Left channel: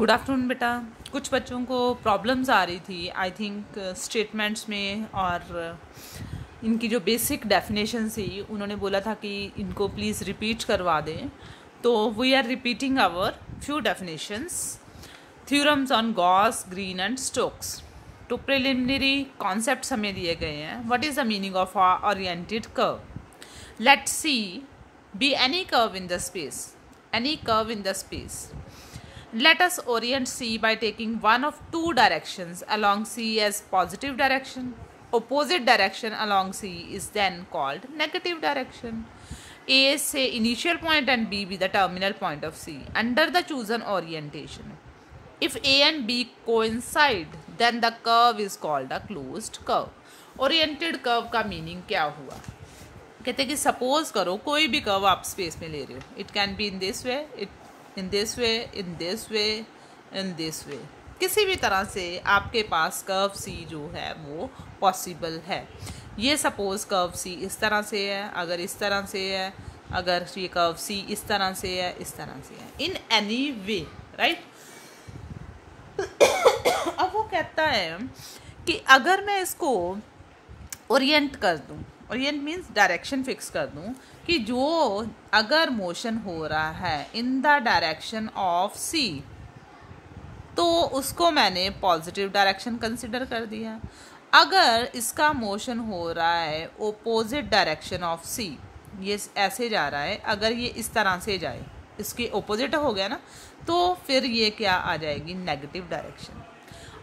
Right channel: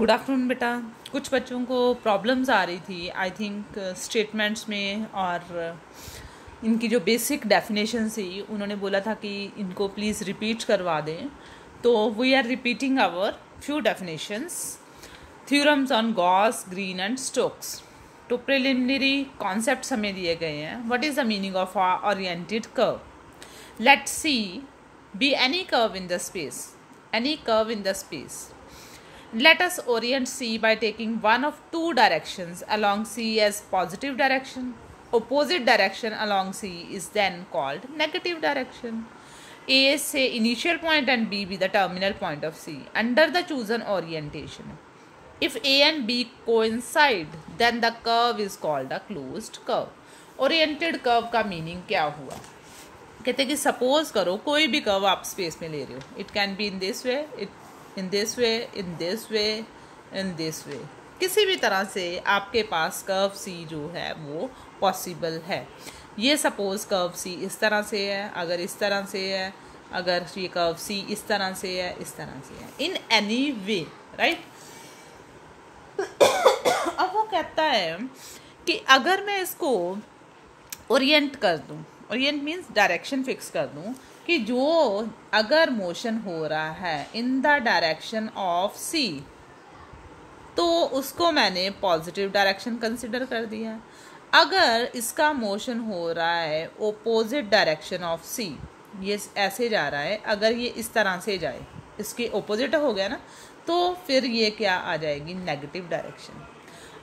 Good afternoon बेटा। कुछ बच्चों को प्रॉब्लम्स आ रही थी आई थिंक स्टेटमेंट्स में, और इनकी जो बेसिक डेफिनेशन थी उन्होंने बोला था कि इनको प्लीज़ रिपीट करवा दें। तो we are repeating our few definitions. Theorems on Gauss, Green and Stokes. तो प्रिलिमिनरी कॉन्सेप्ट्स हमें दिए गए हैं। What is the meaning of a oriented curve? Let's C be any curve in the space, any curve in the space. Let us orient C by taking one of two directions along C as positive direction. Opposite direction along C is then called negative direction. A say initial point and B be the terminal point of C under the chosen orientation. If A and B coincide, then the curve is called a closed curve. Oriented curve का meaning क्या हुआ? कहते हैं कि suppose करो कोई भी curve आप स्पेस में ले रहे हो, it can be in this way, in this way, in this way, in this way. किसी भी तरह से आपके पास कर्व सी जो है वो पॉसिबल है। ये सपोज कर्व सी इस तरह से है, अगर इस तरह से है, अगर ये कर्व सी इस तरह से है, इस तरह से है, इन एनी वे, राइट। अब वो कहता है कि अगर मैं इसको ओरिएंट कर दूं, ओरिएंट मीन्स डायरेक्शन फिक्स कर दूं, कि जो अगर मोशन हो रहा है इन द डायरेक्शन ऑफ सी, तो उसको मैंने पॉजिटिव डायरेक्शन कंसिडर कर दिया। अगर इसका मोशन हो रहा है ओपोजिट डायरेक्शन ऑफ सी, ये ऐसे जा रहा है, अगर ये इस तरह से जाए, इसके ओपोजिट हो गया ना, तो फिर ये क्या आ जाएगी, नेगेटिव डायरेक्शन।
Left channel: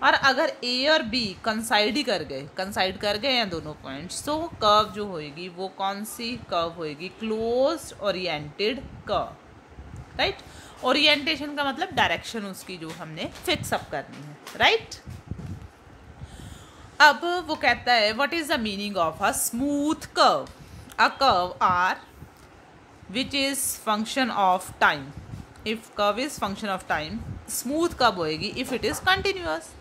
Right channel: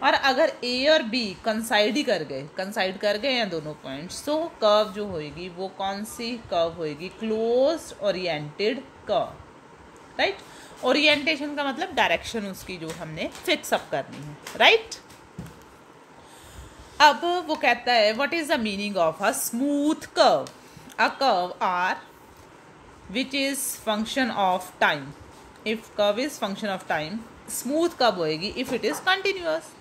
और अगर ए और बी कंसाइड कर गए हैं दोनों पॉइंट्स, तो कर्व जो होएगी वो कौन सी कर्व होएगी, closed oriented curve, right. Orientation का मतलब डायरेक्शन उसकी जो हमने फिक्स अप करनी है, राइट। अब वो कहता है what is the meaning of a smooth curve? A curve R which is function of time. If curve is function of time, smooth कब होएगी? If it is continuous.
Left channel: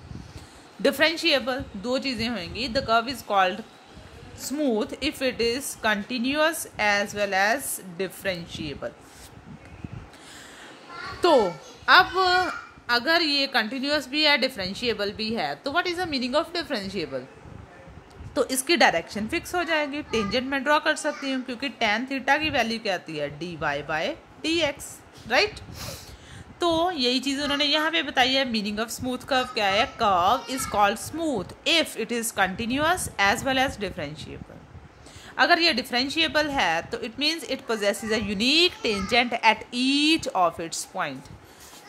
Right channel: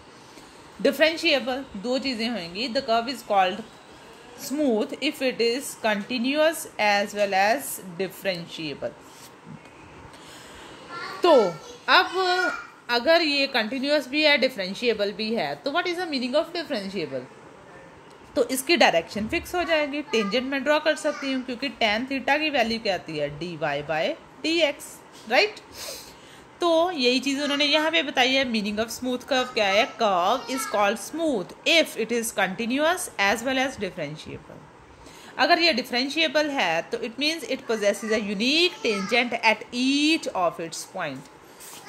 Differentiable, दो चीज़ें होंगी। The curve is called smooth if it is continuous as well as differentiable. तो अब अगर ये continuous भी है, डिफरेंशिएबल भी है, तो what is the meaning of differentiable? तो इसकी डायरेक्शन फिक्स हो जाएगी। टेंजेंट में ड्रॉ कर सकती हूँ, क्योंकि tan थीटा की वैल्यू क्या आती है, dy बाय dx, राइट। तो यही चीज़ उन्होंने यहाँ पे बताई है। मीनिंग ऑफ स्मूथ कर्व क्या है? Curve is called smooth if it is continuous as well as differentiable. अगर ये डिफरेंशिएबल है तो it means it possesses a unique tangent at each of its point.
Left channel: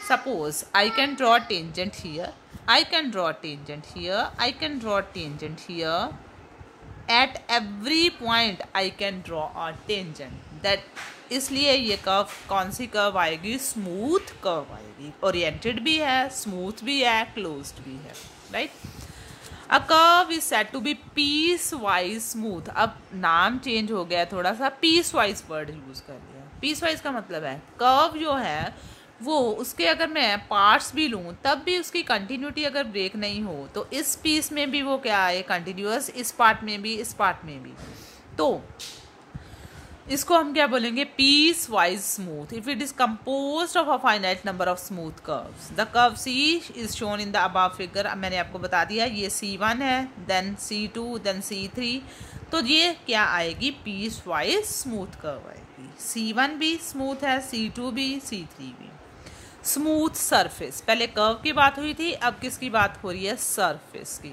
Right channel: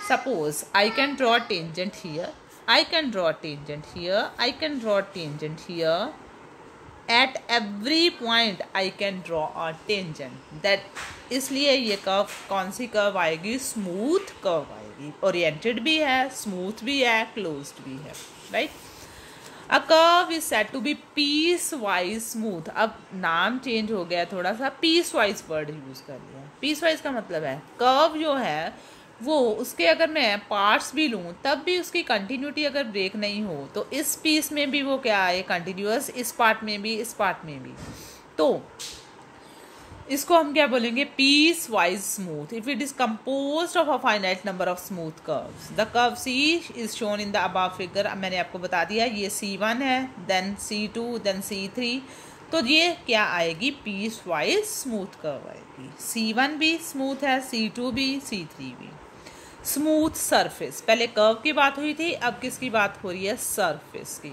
Suppose I can draw tangent here, I can draw tangent here, I can draw tangent here. At every point I can draw a tangent. That इसलिए ये curve कौन सी curve आएगी? Smooth curve आएगी। Oriented भी है, smooth भी है, क्लोज्ड भी है, right. A curve is said to be piecewise smooth. अब नाम चेंज हो गया थोड़ा सा, पीस वाइज वर्ड यूज कर लिया। पीस वाइज का मतलब है कर्व जो है वो, उसके अगर मैं पार्ट्स भी लूँ तब भी उसकी कंटिन्यूटी अगर ब्रेक नहीं हो, तो इस पीस में भी वो क्या है, कंटिन्यूअस, इस पार्ट में भी, इस पार्ट में भी। तो इसको हम क्या बोलेंगे? Piecewise smooth if it is composed of a finite number of smooth curves. The curve C is shown in the above figure. मैंने आपको बता दिया ये C1 है, देन C2, देन C3। तो ये क्या आएगी? पीस वाइज स्मूथ कर्व आएगी। C1 भी स्मूथ है, C2 भी, C3 भी। स्मूथ सरफेस, पहले कर्व की बात हुई थी, अब किसकी बात हो रही है? सरफेस की।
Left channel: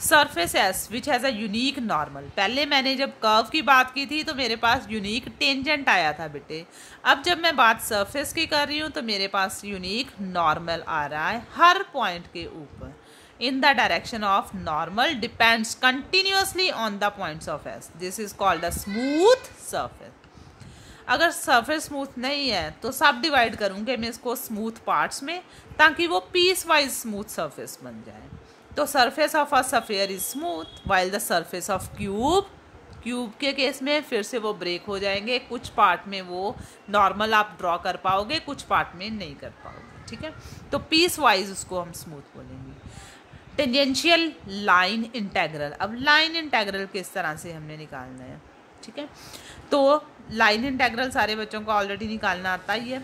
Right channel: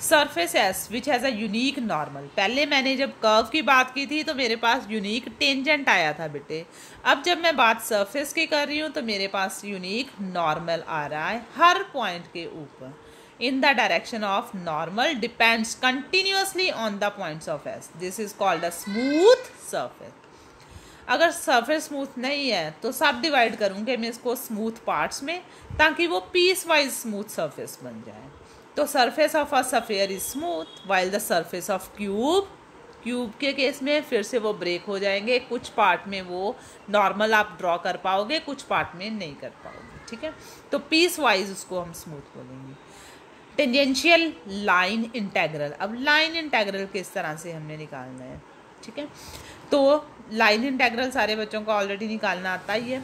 Surface S which has a unique normal. पहले मैंने जब कर्व की बात की थी तो मेरे पास यूनिक टेंजेंट आया था बेटे। अब जब मैं बात सरफेस की कर रही हूँ तो मेरे पास यूनिक नॉर्मल आ रहा है हर पॉइंट के ऊपर। In the direction of normal depends continuously on the points of S. This is called a smooth surface. अगर सरफेस स्मूथ नहीं है तो सब डिवाइड करूँगी मैं इसको स्मूथ पार्ट्स में, ताकि वो पीस वाइज स्मूथ सरफेस बन जाए। तो surface of a sphere is smooth while the surface of cube के केस में फिर से वो ब्रेक हो जाएंगे। कुछ पार्ट में वो नॉर्मल आप ड्रॉ कर पाओगे, कुछ पार्ट में नहीं कर पाओगे, ठीक है। तो पीस वाइज उसको हम स्मूथ बोलेंगे। Tangential line integral. अब लाइन इंटेग्रल किस तरह से हमने निकालना है, ठीक है। तो लाइन इंटेग्रल सारे बच्चों को ऑलरेडी निकालना आता ही है।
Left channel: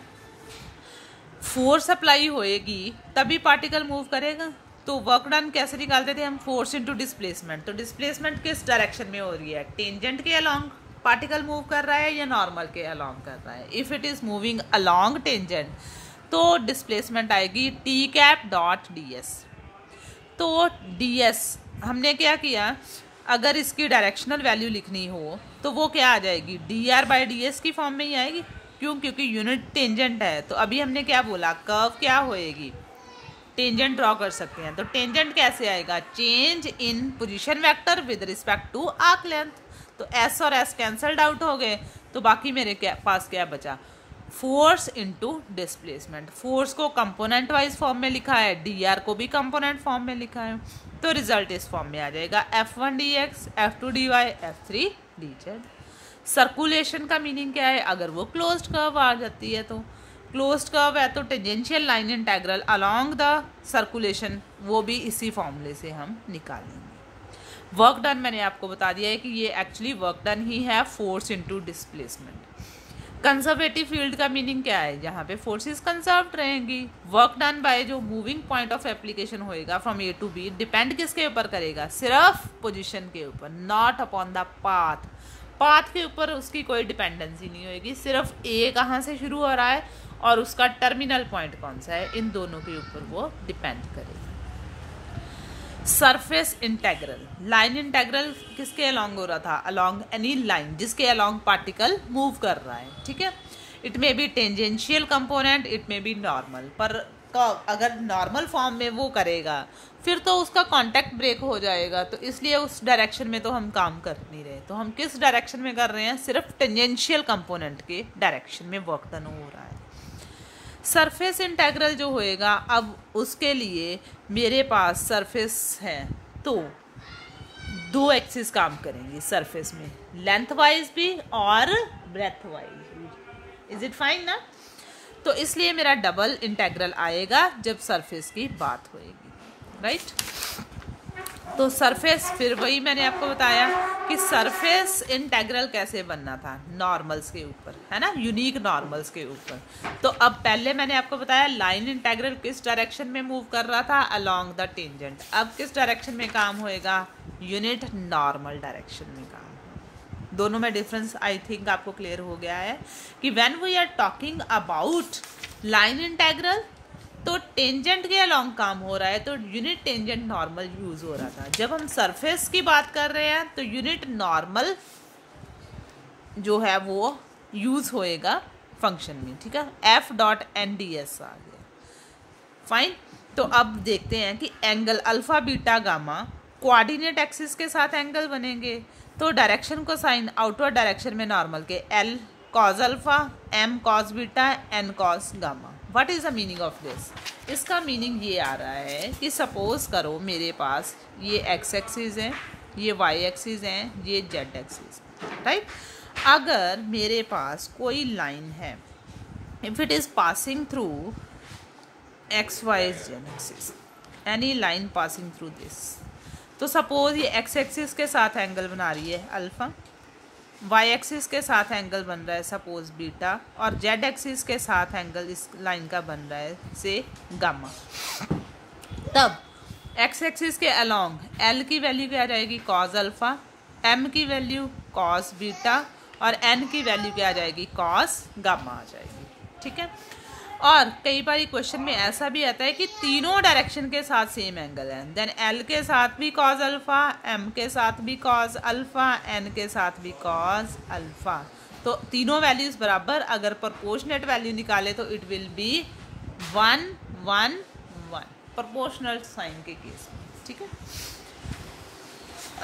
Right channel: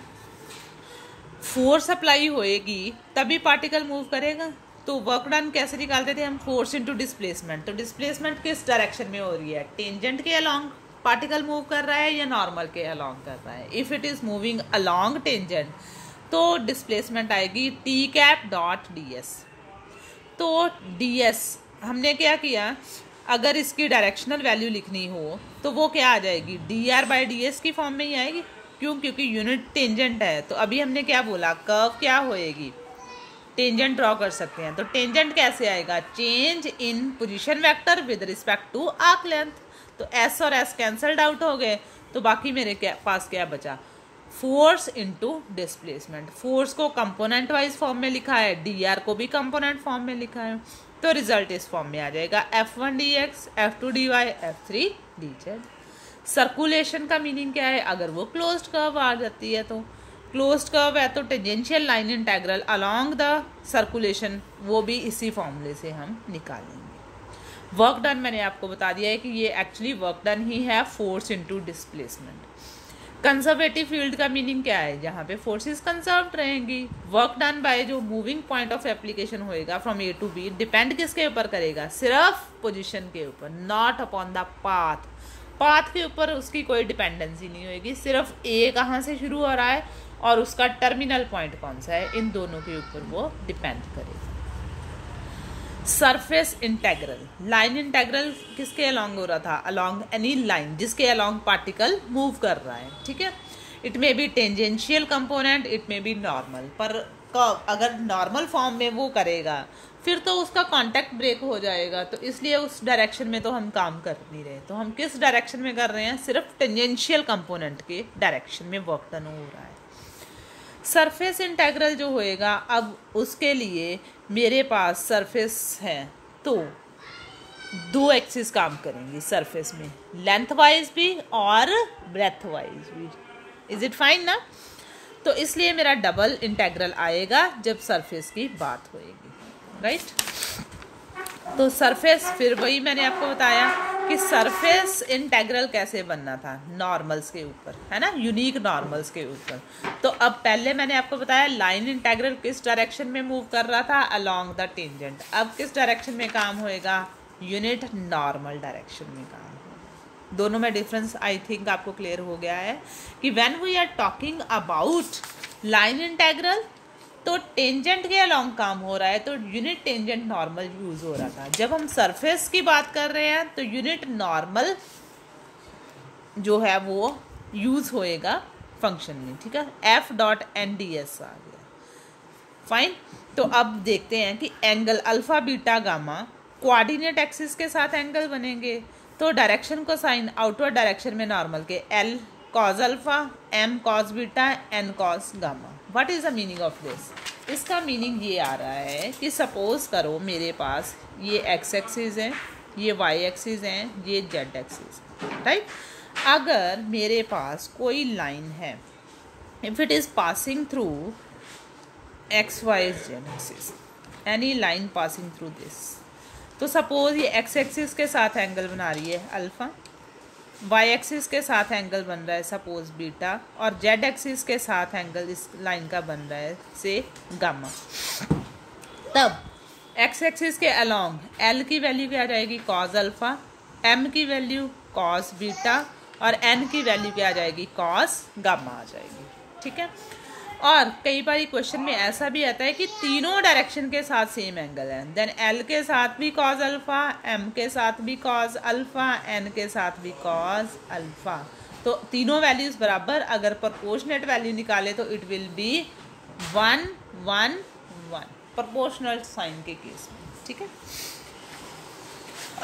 फोर्स अप्लाई होएगी तभी पार्टिकल मूव करेगा। तो वर्क डन कैसे निकालते थे हम, फोर्स इनटू डिस्प्लेसमेंट। तो डिस्प्लेसमेंट किस डायरेक्शन में हो रही है, टेंजेंट के अलोंग पार्टिकल मूव कर रहा है या नॉर्मल के अलोंग कर रहा है। If it is moving along tangent तो डिस्प्लेसमेंट आएगी T cap dot D S. तो डी एस हमने क्या किया, अगर इसकी डायरेक्शनल वैल्यू लिखनी हो तो वो क्या आ जाएगी, D R by D S की फॉर्म में ही आएगी। क्यों, क्योंकि यूनिट टेंजेंट है। तो अभी हमने क्या बोला, कर्व क्या होएगी, टेंजेंट ड्रॉ कर सकते हैं। तो टेंजेंट कैसे आएगा, change in position vector with respect to arc length. तो एस और एस कैंसल्ड आउट हो गए, तो बाकी मेरे पास क्या बचा, फोर्स इनटू डिस्प्लेसमेंट। फोर्स को कंपोनेंट वाइज फॉर्म में लिखा है, डी आर को भी कंपोनेंट फॉर्म में लिखा है। तो रिजल्ट इस फॉर्म में आ जाएगा F1 dx, F2 dy, F3 dz। Circulation का मीनिंग क्या है, अगर वो क्लोज्ड कर्व आ जाती है तो क्लोज्ड कर्व है तो tangential line integral along the circulation वो भी इसी फॉर्मूले से हम निकालेंगे। वर्क डन मैंने आपको बता दिया है कि ये एक्चुअली वर्क डन ही है, force into displacement. Conservative field का मीनिंग क्या है, जहाँ पे फोर्सेस कंजर्व रहेंगी। वर्क डन बाय जो मूविंग पॉइंट ऑफ एप्लीकेशन होएगा from A to B, depend किसके ऊपर करेगा, सिर्फ पोजीशन के ऊपर, not upon the path. Path के ऊपर उसकी कोई डिपेंडेंसी नहीं होगी, सिर्फ ए कहाँ से शुरू हो रहा है और उसका टर्मिनल पॉइंट कौन सा है, इन दोनों के ऊपर वो डिपेंड करेगा। सरफेस इंटेग्रल, लाइन इंटेग्रल किसके अलोंग हो रहा था, अलोंग एनी लाइन जिसके अलोंग पार्टिकल मूव कर रहा है, ठीक है। It may be tangential component, it may be normal, पर अगर नॉर्मल फॉर्म में वो करेगा फिर तो उसका कांटेक्ट ब्रेक हो जाएगा। तो इसलिए उस डायरेक्शन में तो हम काम कर नहीं रहे। तो हम किस डायरेक्शन में कर रहे हैं, सिर्फ टेंजेंशियल कंपोनेंट के डायरेक्शन में वर्क डन हो रहा है। सरफेस इंटेग्रल जो होएगा, अब उसके लिए मेरे पास सरफेस है तो दो एक्सिस काम करेंगी सरफेस में, लेंथ वाइज भी और ब्रेथ वाइज भी। इज इट फाइन ना। तो इसलिए मेरा डबल इंटेग्रल आएगा जब सरफेस की बात होएगी, राइट। तो सरफेस, फिर वही मैंने आपको बताया कि सरफेस इंटेग्रल कैसे बनना था, नॉर्मल्स के ऊपर, है ना, यूनिक नॉर्मल्स के ऊपर। तो अब पहले मैंने आपको बताया लाइन इंटेग्रल किस डायरेक्शन में मूव कर रहा था, अलोंग द टेंजेंट। अब किस डायरेक्शन में काम होएगा, यूनिट नॉर्मल डायरेक्शन में काम होगा। दोनों में डिफरेंस आई थिंक आपको क्लियर हो गया है कि when we are talking about line integral तो टेंजेंट के अलोंग काम हो रहा है, तो यूनिट टेंजेंट नॉर्मल यूज हो रहा था। जब हम सरफेस की बात कर रहे हैं तो यूनिट नॉर्मल जो है वो यूज होएगा फंक्शन में, ठीक है। F dot N D S आ गया, फाइन। तो अब देखते हैं कि angle alpha beta gamma coordinate axis के साथ एंगल बनेंगे। तो direction cosine outward direction में नॉर्मल के L cos alpha, M cos beta, N cos gamma. What is the meaning of this, इसका मीनिंग ये आ रहा है कि सपोज करो मेरे पास ये एक्स एक्सिस है, ये वाई एक्सिस है, ये जेड एक्सिस है, राइट। अगर मेरे पास कोई लाइन है, if it is passing through X Y Z axis, any line passing through this, तो सपोज ये एक्स एक्सिस के साथ एंगल बना रही है अल्फा, वाई एक्सिस के साथ एंगल बन रहा है सपोज बीटा, और जेड एक्सिस के साथ एंगल इस लाइन का बन रहा है से गामा। तब एक्स एक्सिस के अलोंग एल की वैल्यू क्या आ जाएगी, कॉज अल्फा, एम की वैल्यू कॉज बीटा, और एन की वैल्यू क्या आ जाएगी, कॉज गामा आ जाएगी, ठीक है। और कई बार क्वेश्चन में ऐसा भी आता है कि तीनों डायरेक्शन के साथ सेम एंगल है, देन एल के साथ भी कॉज अल्फा, एम के साथ भी कॉज अल्फा, एन के साथ भी कॉज अल्फा। तो तीनों वैल्यूज बराबर, अगर प्रोपोर्शनेट वैल्यू निकाले तो it will be 1 1 1, proportional sine के केस में, ठीक है।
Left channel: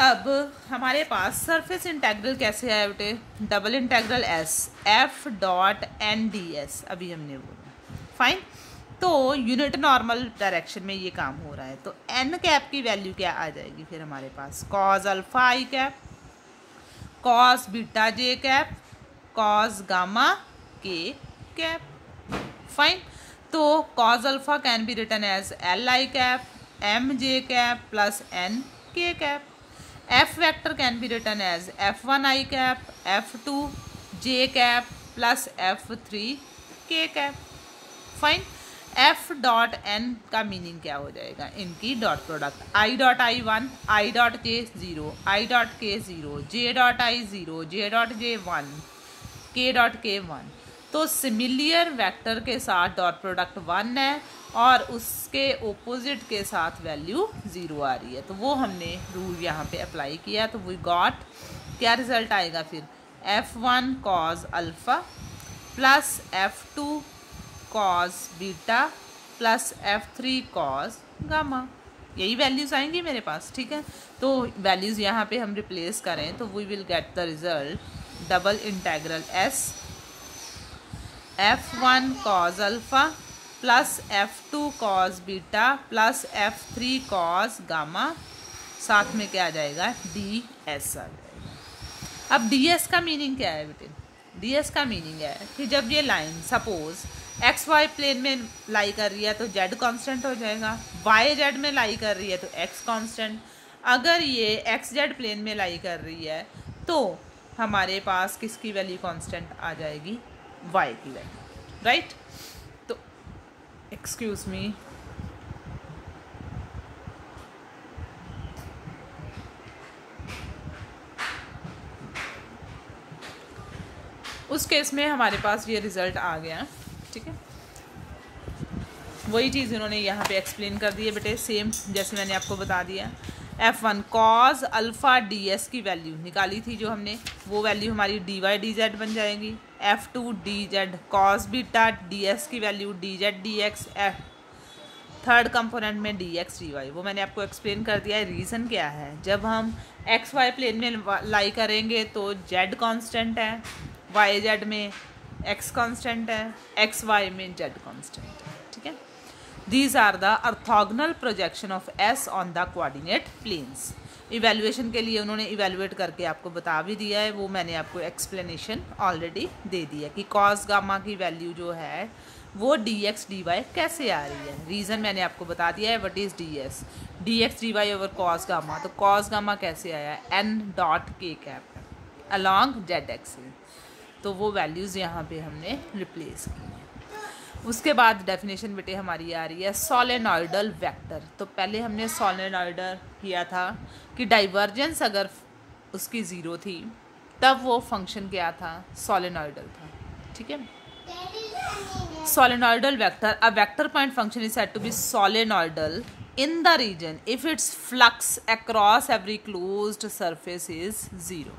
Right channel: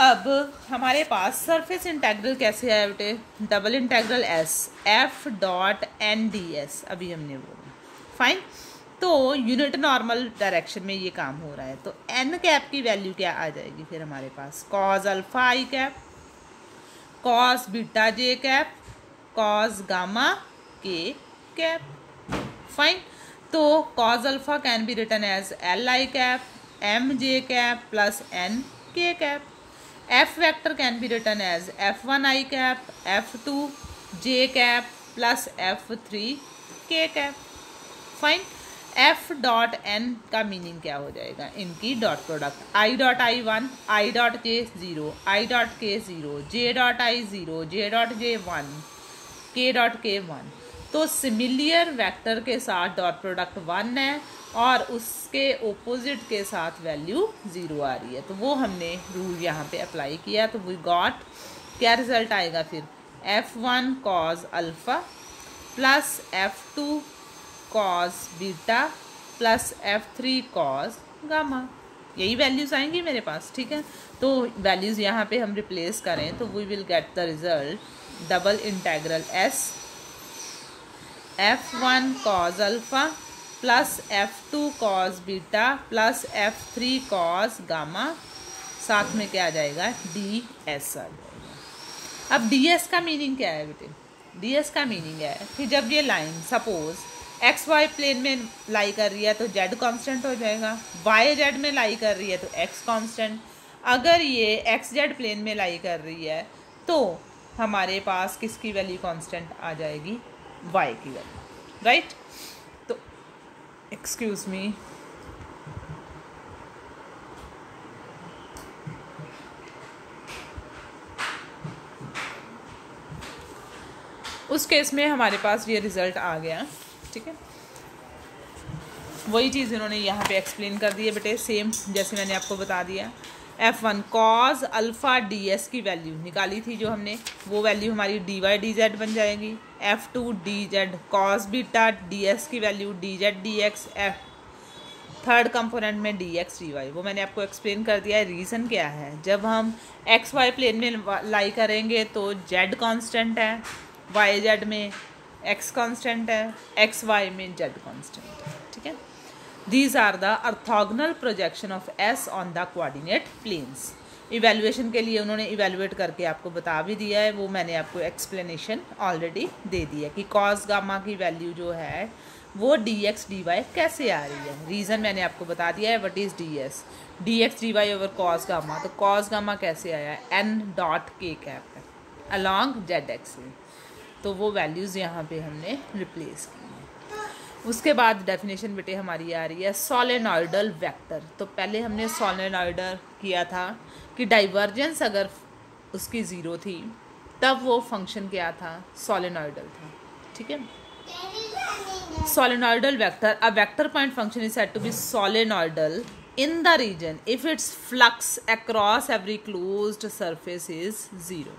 अब हमारे पास सरफेस इंटेग्रल कैसे आया बेटे, double integral S F dot N D S, अभी हमने बोला, फाइन। तो यूनिट नॉर्मल डायरेक्शन में ये काम हो रहा है। तो एन कैप की वैल्यू क्या आ जाएगी फिर हमारे पास, cos alpha I cap, cos beta J cap, cos gamma K cap, fine. तो cos alpha can be written as L I cap, M J cap plus N K cap. F vector can be written as F1 I cap, F2 J cap plus F3 K cap, fine. F dot N का meaning क्या हो जाएगा, इनकी dot product. I dot I 1, I dot k 0, I dot k 0, J dot I 0, J dot J 1, के dot के 1। तो similar vector के साथ डॉट प्रोडक्ट 1 है और उसके ओपोजिट के साथ वैल्यू 0 आ रही है, तो वो हमने रूल यहाँ पे अप्लाई किया। तो वी गॉट, क्या रिजल्ट आएगा फिर, F1 cos alpha plus F2 cos beta plus F3 cos gamma, यही वैल्यूज़ आएंगी मेरे पास। ठीक है, तो वैल्यूज़ यहाँ पे हम रिप्लेस करें तो we will get the result double integral S F1 cos alpha plus F2 cos beta plus F3 cos gamma, साथ में क्या आ जाएगा, DS आ जाएगा। अब DS का मीनिंग क्या है बेटे, DS का मीनिंग है कि जब ये लाइन सपोज XY प्लेन में लाई कर रही है तो Z कांस्टेंट हो जाएगा, YZ में लाई कर रही है तो X कांस्टेंट। अगर ये XZ प्लेन में लाई कर रही है तो हमारे पास किसकी वैल्यू कांस्टेंट आ जाएगी, Y की वैल्यू, राइट। तो एक्सक्यूज मी, उस केस में हमारे पास ये रिजल्ट आ गया। ठीक है, वही चीज़ इन्होंने यहाँ पे एक्सप्लेन कर दी है बेटे, सेम जैसे मैंने आपको बता दिया। F1 कॉज अल्फ़ा DS की वैल्यू निकाली थी जो हमने, वो वैल्यू हमारी dy dz बन जाएगी। F2 dz cos beta DS की value dz dx, third component में dx dy, वो मैंने आपको एक्सप्लेन कर दिया है। रीज़न क्या है, जब हम XY प्लेन में लाई करेंगे तो Z कांस्टेंट है, YZ में X कांस्टेंट है, XY में Z कांस्टेंट है। ठीक है, These are the orthogonal projection of S on the coordinate planes। Evaluation के लिए उन्होंने इवेल्युएट करके आपको बता भी दिया है, वो मैंने आपको एक्सप्लेनेशन ऑलरेडी दे दी है कि कॉस गामा की वैल्यू जो है वो dx dy कैसे आ रही है। रीज़न मैंने आपको बता दिया है, what is dx dy over cos gamma. तो कॉस गामा कैसे आया, n डॉट के कैप है अलॉन्ग z एक्सिस, तो वो वैल्यूज़ यहाँ पे हमने रिप्लेस की। उसके बाद डेफिनेशन बेटे हमारी आ रही है सोलेनॉइडल वेक्टर। तो पहले हमने सोलेनॉइडल किया था कि डाइवर्जेंस अगर उसकी 0 थी तब वो फंक्शन क्या था, सोलेनॉइडल था। ठीक है, solenoidal vector, a vector point function is said to be solenoidal in the region if its flux across every closed surface is 0।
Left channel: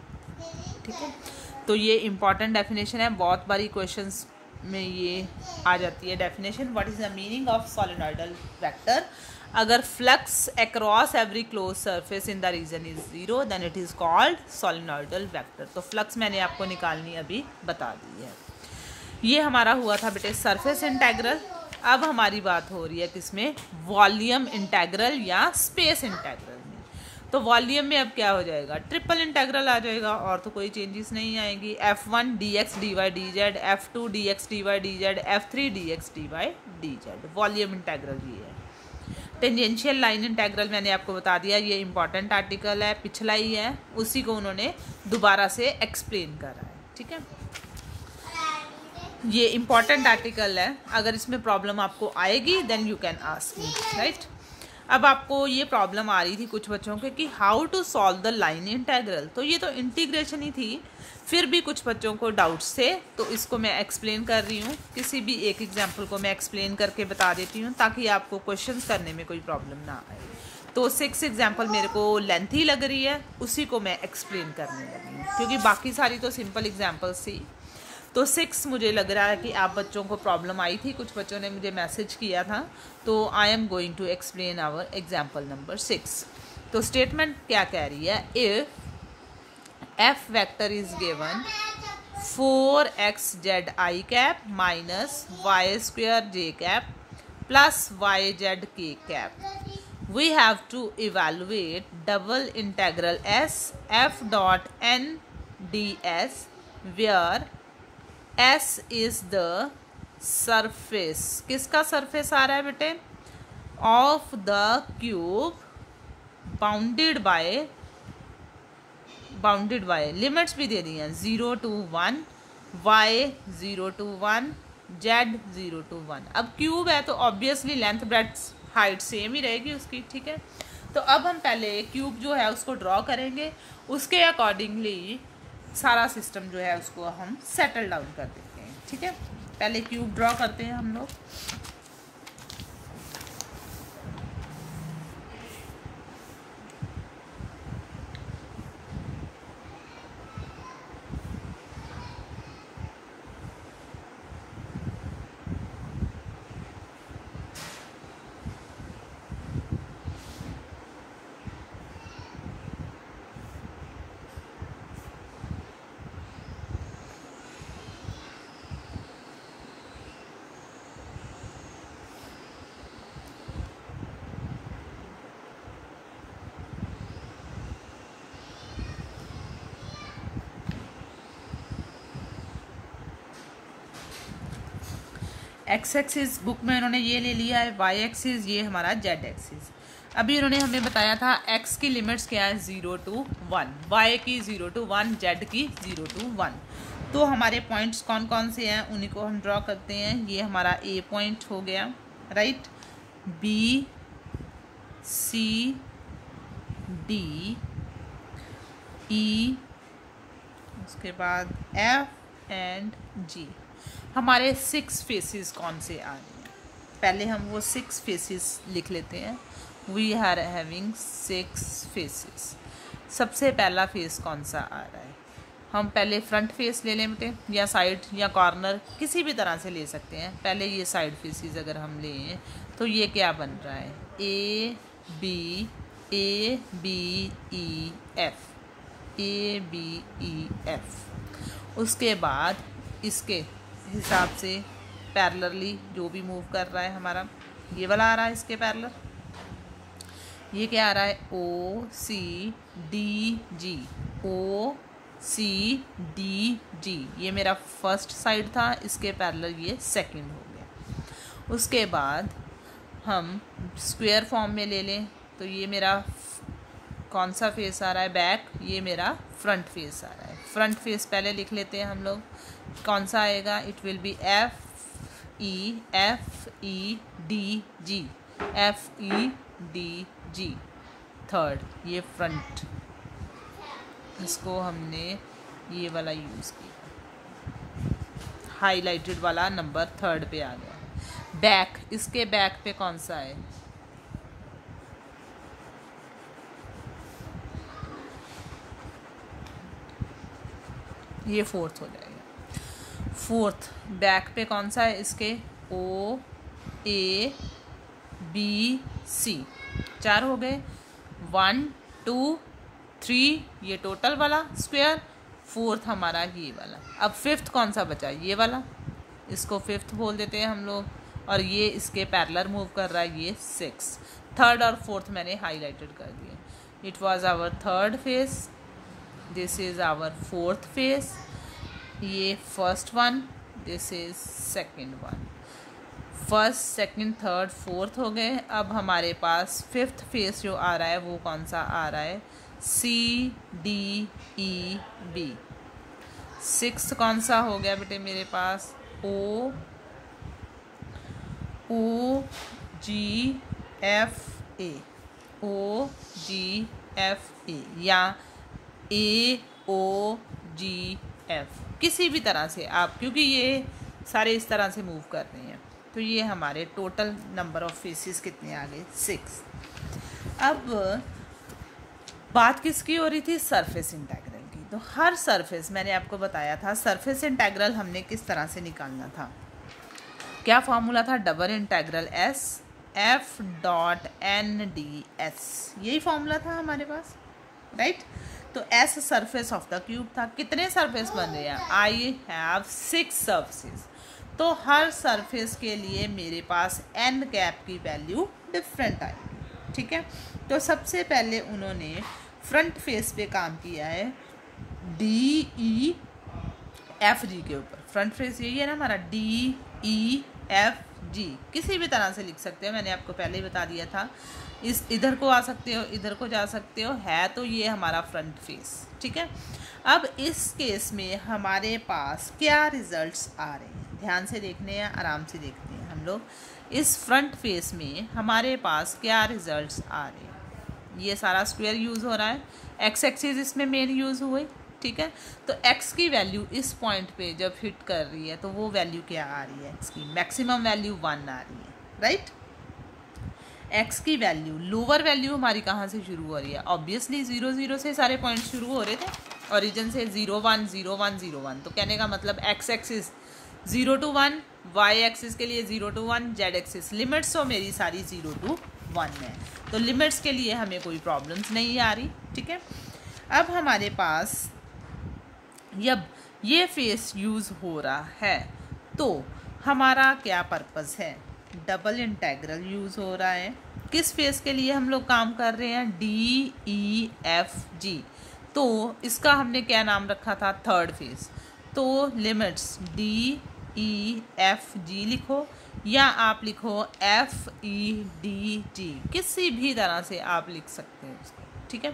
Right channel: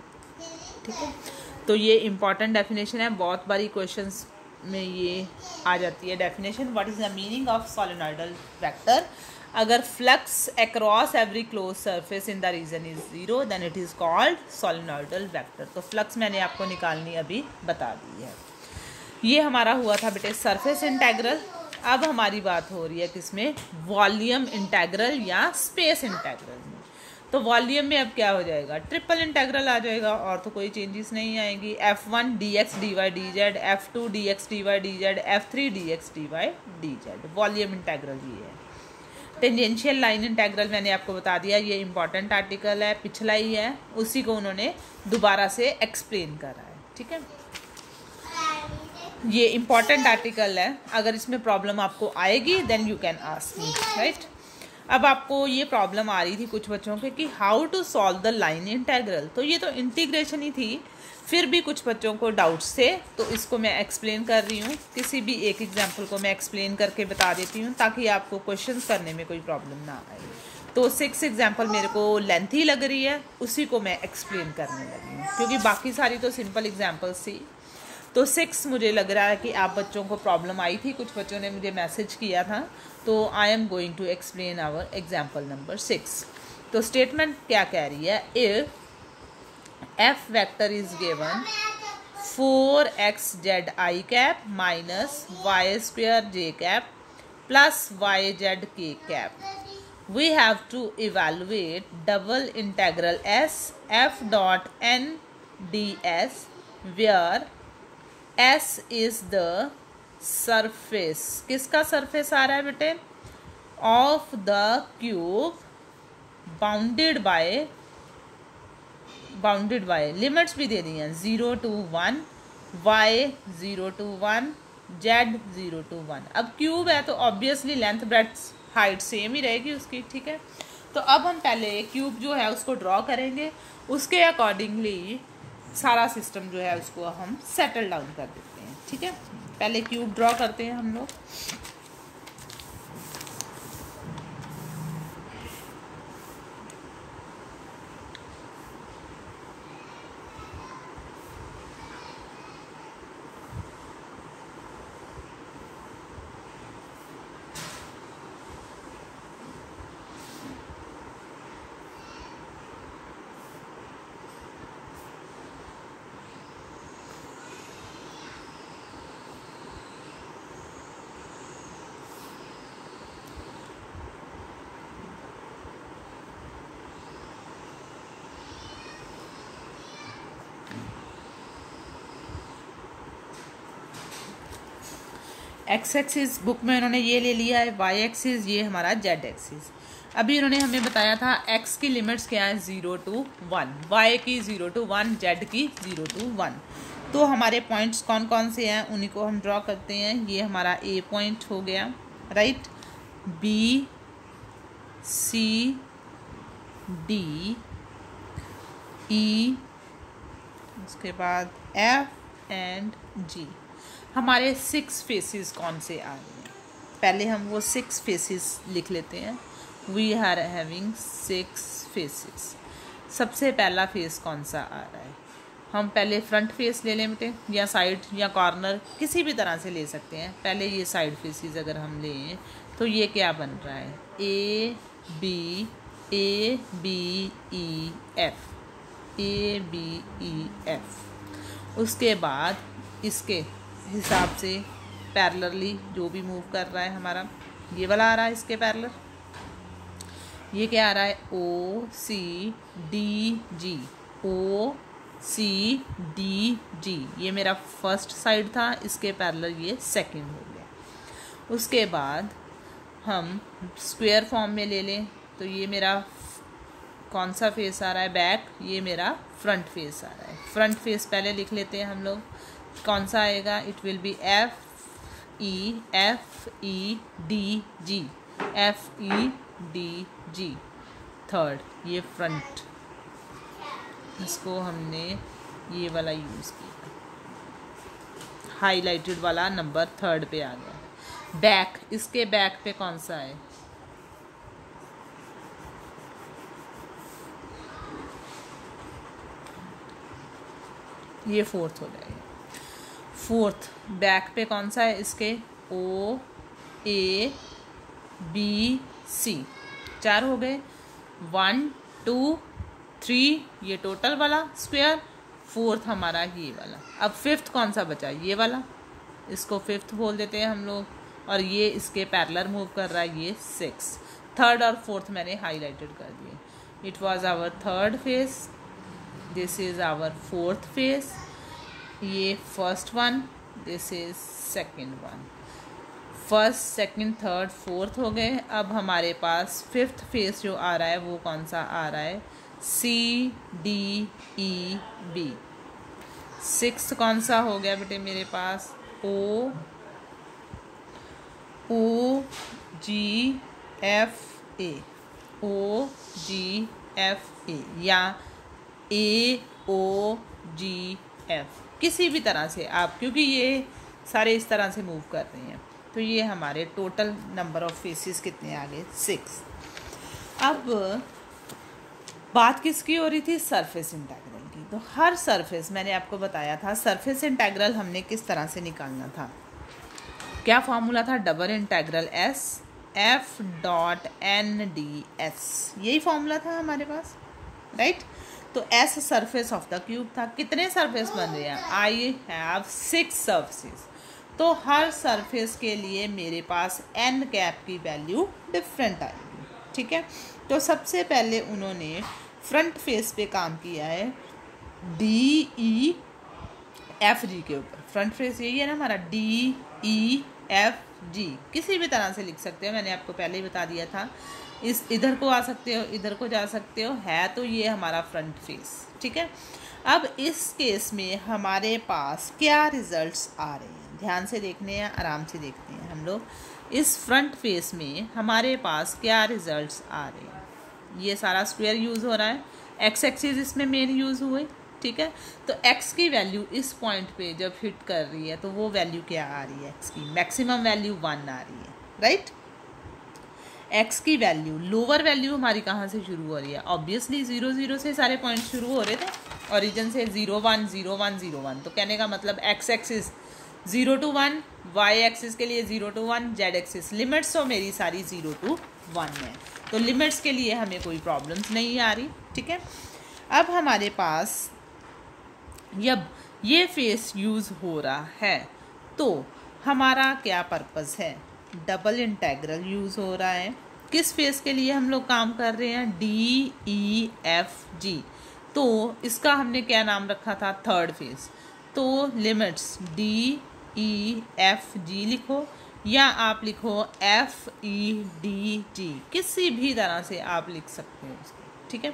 ठीक है, तो ये इंपॉर्टेंट डेफिनेशन है, बहुत बारी क्वेश्चंस में ये आ जाती है definition. What is the meaning of solenoidal vector, अगर flux across every closed surface in the region is 0 then it is called solenoidal vector. तो फ्लक्स मैंने आपको निकालनी अभी बता दी है। ये हमारा हुआ था बेटे सरफेस इंटेग्रल। अब हमारी बात हो रही है किसमें, वॉल्यूम इंटेग्रल या स्पेस इंटेग्रल में। तो वॉल्यूम में अब क्या हो जाएगा, ट्रिपल इंटेग्रल आ जाएगा और तो कोई चेंजेस नहीं आएगी। F1 dx dy dz, F2 dx dy dz, F3 dx dy dz, volume integral ये है। टेंजेंशियल लाइन इंटेग्रल मैंने आपको बता दिया, ये इंपॉर्टेंट आर्टिकल है, पिछला ही है, उसी को उन्होंने दोबारा से एक्सप्लेन करा है। ठीक है, ये इंपॉर्टेंट आर्टिकल है, अगर इसमें प्रॉब्लम आपको आएगी then you can ask me, right. अब आपको ये प्रॉब्लम आ रही थी कुछ बच्चों के कि how to solve the line integral, तो ये तो इंटीग्रेशन ही थी, फिर भी कुछ बच्चों को डाउट्स थे, तो इसको मैं एक्सप्लेन कर रही हूँ। किसी भी एक एग्जांपल को मैं एक्सप्लेन करके बता देती हूँ ताकि आपको क्वेश्चंस करने में कोई प्रॉब्लम ना आए। तो 6 एग्जांपल मेरे को लेंथी लग रही है, उसी को मैं एक्सप्लेन करने लगी हूँ क्योंकि बाकी सारी तो सिंपल एग्जाम्पल्स थी। तो 6 मुझे लग रहा है कि आप बच्चों को प्रॉब्लम आई थी, कुछ बच्चों ने मुझे मैसेज किया था, तो I am going to explain our example number 6। तो स्टेटमेंट क्या कह रही है, if F vector is given 4xz i cap minus Y square j cap plus yz k cap, we have to evaluate double integral s f dot n ds where S is the surface, किसका surface आ रहा है बेटे, of the cube bounded by limits भी दे दी हैं 0 to 1, y 0 to 1, Z 0 to 1। अब cube है तो obviously length breadth height same ही रहेगी उसकी, ठीक है। तो अब हम पहले क्यूब जो है उसको ड्रॉ करेंगे, उसके अकॉर्डिंगली सारा सिस्टम जो है उसको हम सेटल डाउन कर देते हैं, ठीक है। पहले क्यूब ड्रॉ करते हैं हम लोग। एक्स एक्सिस बुक में इन्होंने ये ले लिया है, वाई एक्सिस ये हमारा जेड एक्सिस। अभी इन्होंने हमें बताया था एक्स की लिमिट्स क्या है 0 to 1, वाई की 0 to 1, जेड की 0 to 1। तो हमारे पॉइंट्स कौन कौन से हैं उन्हीं को हम ड्रॉ करते हैं। ये हमारा ए पॉइंट हो गया, right, B C D E, उसके बाद एफ एंड जी। हमारे 6 फेसेस कौन से आ रहे हैं, पहले हम वो 6 फेसेस लिख लेते हैं। We are having 6 faces. सबसे पहला फेस कौन सा आ रहा है, हम पहले फ्रंट फेस ले लें बेटे, या साइड या कॉर्नर किसी भी तरह से ले सकते हैं। पहले ये साइड फेसेस अगर हम लें तो ये क्या बन रहा है, A B E F, A B E F. उसके बाद इसके हिसाब से पैरेलली जो भी मूव कर रहा है हमारा, ये वाला आ रहा है इसके पैरेलल, ये क्या आ रहा है, ओ सी डी जी, ओ सी डी जी। ये मेरा फर्स्ट साइड था, इसके पैरेलल ये सेकंड हो गया। उसके बाद हम स्क्वायर फॉर्म में ले लें तो ये मेरा कौन सा फेस आ रहा है, बैक, ये मेरा फ्रंट फेस आ रहा है। फ्रंट फेस पहले लिख लेते हैं हम लोग, कौन सा आएगा, it will be F E D G, F E D G third, ये फ्रंट, इसको हमने ये वाला यूज़ किया, हाईलाइटेड वाला नंबर थर्ड पे आ गया है। बैक, इसके बैक पे कौन सा है, ये फोर्थ हो जाएगा। फोर्थ बैक पे कौन सा है इसके, ओ ए बी सी, 4 हो गए, 1 2 3 ये टोटल वाला स्क्वायर, फोर्थ हमारा ये वाला। अब फिफ्थ कौन सा बचा, ये वाला, इसको फिफ्थ बोल देते हैं हम लोग, और ये इसके पैरेलल मूव कर रहा है, ये 6। थर्ड और फोर्थ मैंने हाईलाइटेड कर दिए। It was our third face, this is our fourth face, ये first one, this is second one. First second third fourth हो गए। अब हमारे पास फिफ्थ फेस जो आ रहा है वो कौन सा आ रहा है, C D E B. Sixth कौन सा हो गया बेटे मेरे पास, ओ जी F A, O ji F A, या ए ओ जी एफ, किसी भी तरह से आप, क्योंकि ये सारे इस तरह से मूव कर रहे हैं। तो ये हमारे टोटल नंबर ऑफ फेसेस कितने आ गए, 6। अब बात किसकी हो रही थी, सरफेस इंटेग्रल की। तो हर सरफेस, मैंने आपको बताया था सरफेस इंटेग्रल हमने किस तरह से निकालना था, क्या फॉर्मूला था, double integral S F dot N D S, यही फॉर्मूला था हमारे पास, राइट। तो S surface of the cube था। कितने सरफेस बन रहे हैं, आई हैव 6 सरफेस। तो हर सरफेस के लिए मेरे पास एन कैप की वैल्यू डिफरेंट आएगी, ठीक है। तो सबसे पहले उन्होंने फ्रंट फेस पे काम किया है डी ई एफ जी के ऊपर। फ्रंट फेस यही है ना हमारा, डी ई एफ जी, किसी भी तरह से लिख सकते हो, मैंने आपको पहले ही बता दिया था। इस इधर को आ सकते हो, इधर को जा सकते हो, है तो ये हमारा फ्रंट फेस, ठीक है। अब इस केस में हमारे पास क्या रिजल्ट्स आ रहे हैं, ध्यान से देखने हैं, आराम से देखते हैं हम लोग। इस फ्रंट फेस में हमारे पास क्या रिजल्ट्स आ रहे हैं। ये सारा स्क्वायर यूज़ हो रहा है, एक्स एक्सिस इसमें मेन यूज़ हुए, ठीक है। तो एक्स की वैल्यू इस पॉइंट पे जब हिट कर रही है तो वो वैल्यू क्या आ रही है, एक्स की मैक्सिमम वैल्यू 1 आ रही है, राइट। एक्स की वैल्यू, लोअर वैल्यू हमारी कहाँ से शुरू हो रही है, ऑब्वियसली 0 0 से सारे पॉइंट शुरू हो रहे थे, ओरिजिन से 0 1 0 1 0 1। तो कहने का मतलब X axis 0 to 1, Y axis के लिए 0 to 1, जेड एक्सिस लिमिट्स तो मेरी सारी 0 to 1 है। तो लिमिट्स के लिए हमें कोई प्रॉब्लम्स नहीं आ रही, ठीक है। अब हमारे पास जब ये फेस यूज़ हो रहा है तो हमारा क्या पर्पस है, डबल इंटेग्रल यूज़ हो रहा है। किस फेस के लिए हम लोग काम कर रहे हैं, डी ई एफ जी। तो इसका हमने क्या नाम रखा था, थर्ड फेस। तो limits D E F G लिखो, या आप लिखो एफ ई डी जी, किसी भी तरह से आप लिख सकते हैं इसको, ठीक है।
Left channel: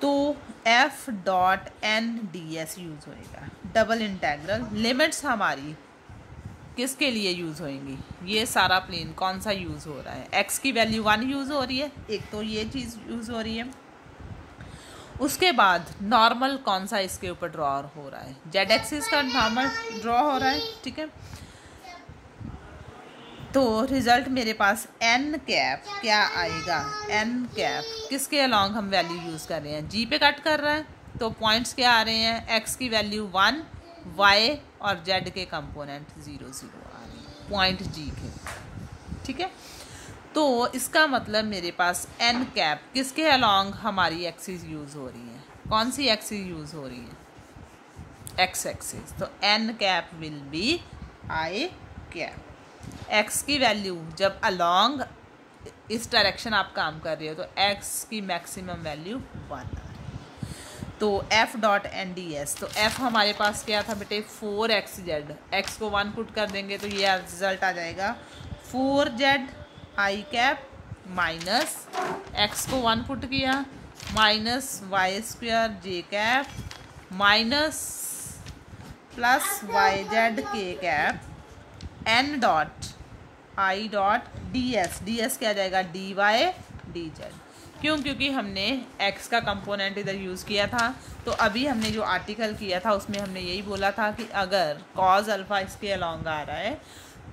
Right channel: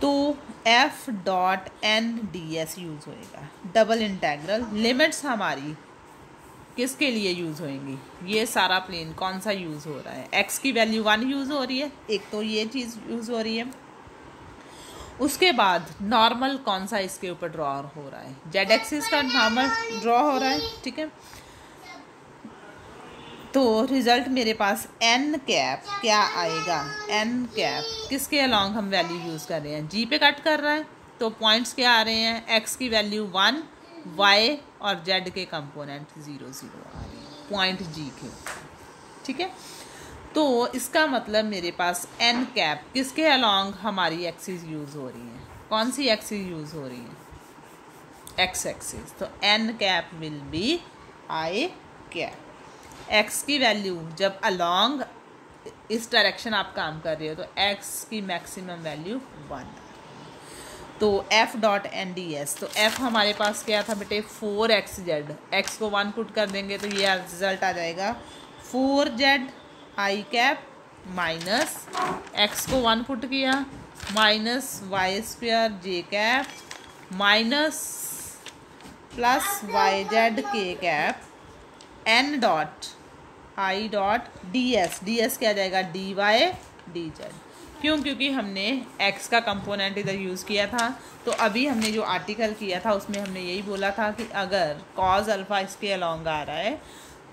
तो F dot N D S use होएगा, डबल इंटेग्रल। लिमिट्स हमारी किसके लिए यूज़ होएंगी, ये सारा प्लेन कौन सा यूज़ हो रहा है, एक्स की वैल्यू 1 यूज़ हो रही है, एक तो ये चीज़ यूज़ हो रही है। उसके बाद नॉर्मल कौन सा इसके ऊपर ड्रॉ हो रहा है, जेड एक्सिस का नॉर्मल ड्रॉ हो रहा है, ठीक है। तो रिजल्ट मेरे पास एन कैप क्या आएगा, एन कैप किसके अलॉन्ग हम वैल्यू यूज़ कर रहे हैं, जी पे कट कर रहा है। तो पॉइंट्स क्या आ रहे हैं, एक्स की वैल्यू 1, वाई और जेड के कंपोनेंट 0 0 आ रहे हैं पॉइंट जी के, ठीक है। तो इसका मतलब मेरे पास एन कैप किसके अलॉन्ग हमारी एक्सिस यूज़ हो रही है, कौन सी एक्सिस यूज़ हो रही है, एक्स एक्सिस। तो N cap will be I cap. X की वैल्यू जब अलॉन्ग इस डायरेक्शन आप काम कर रहे हो तो एक्स की मैक्सिमम वैल्यू 1। तो F dot N D S, तो एफ हमारे पास क्या था बेटे, 4x जेड, एक्स को 1 पुट कर देंगे तो ये रिजल्ट आ जाएगा 4z आई कैप माइनस एक्स को 1 पुट किया minus Y square J cap minus plus Y Z के कैप एन डॉट आई dot D S, D S क्या जाएगा, डी वाई डी जेड। क्यों, क्योंकि हमने x का कंपोनेंट इधर यूज़ किया था। तो अभी हमने जो आर्टिकल किया था उसमें हमने यही बोला था कि अगर कॉज अल्फ़ा इसके अलॉन्ग आ रहा है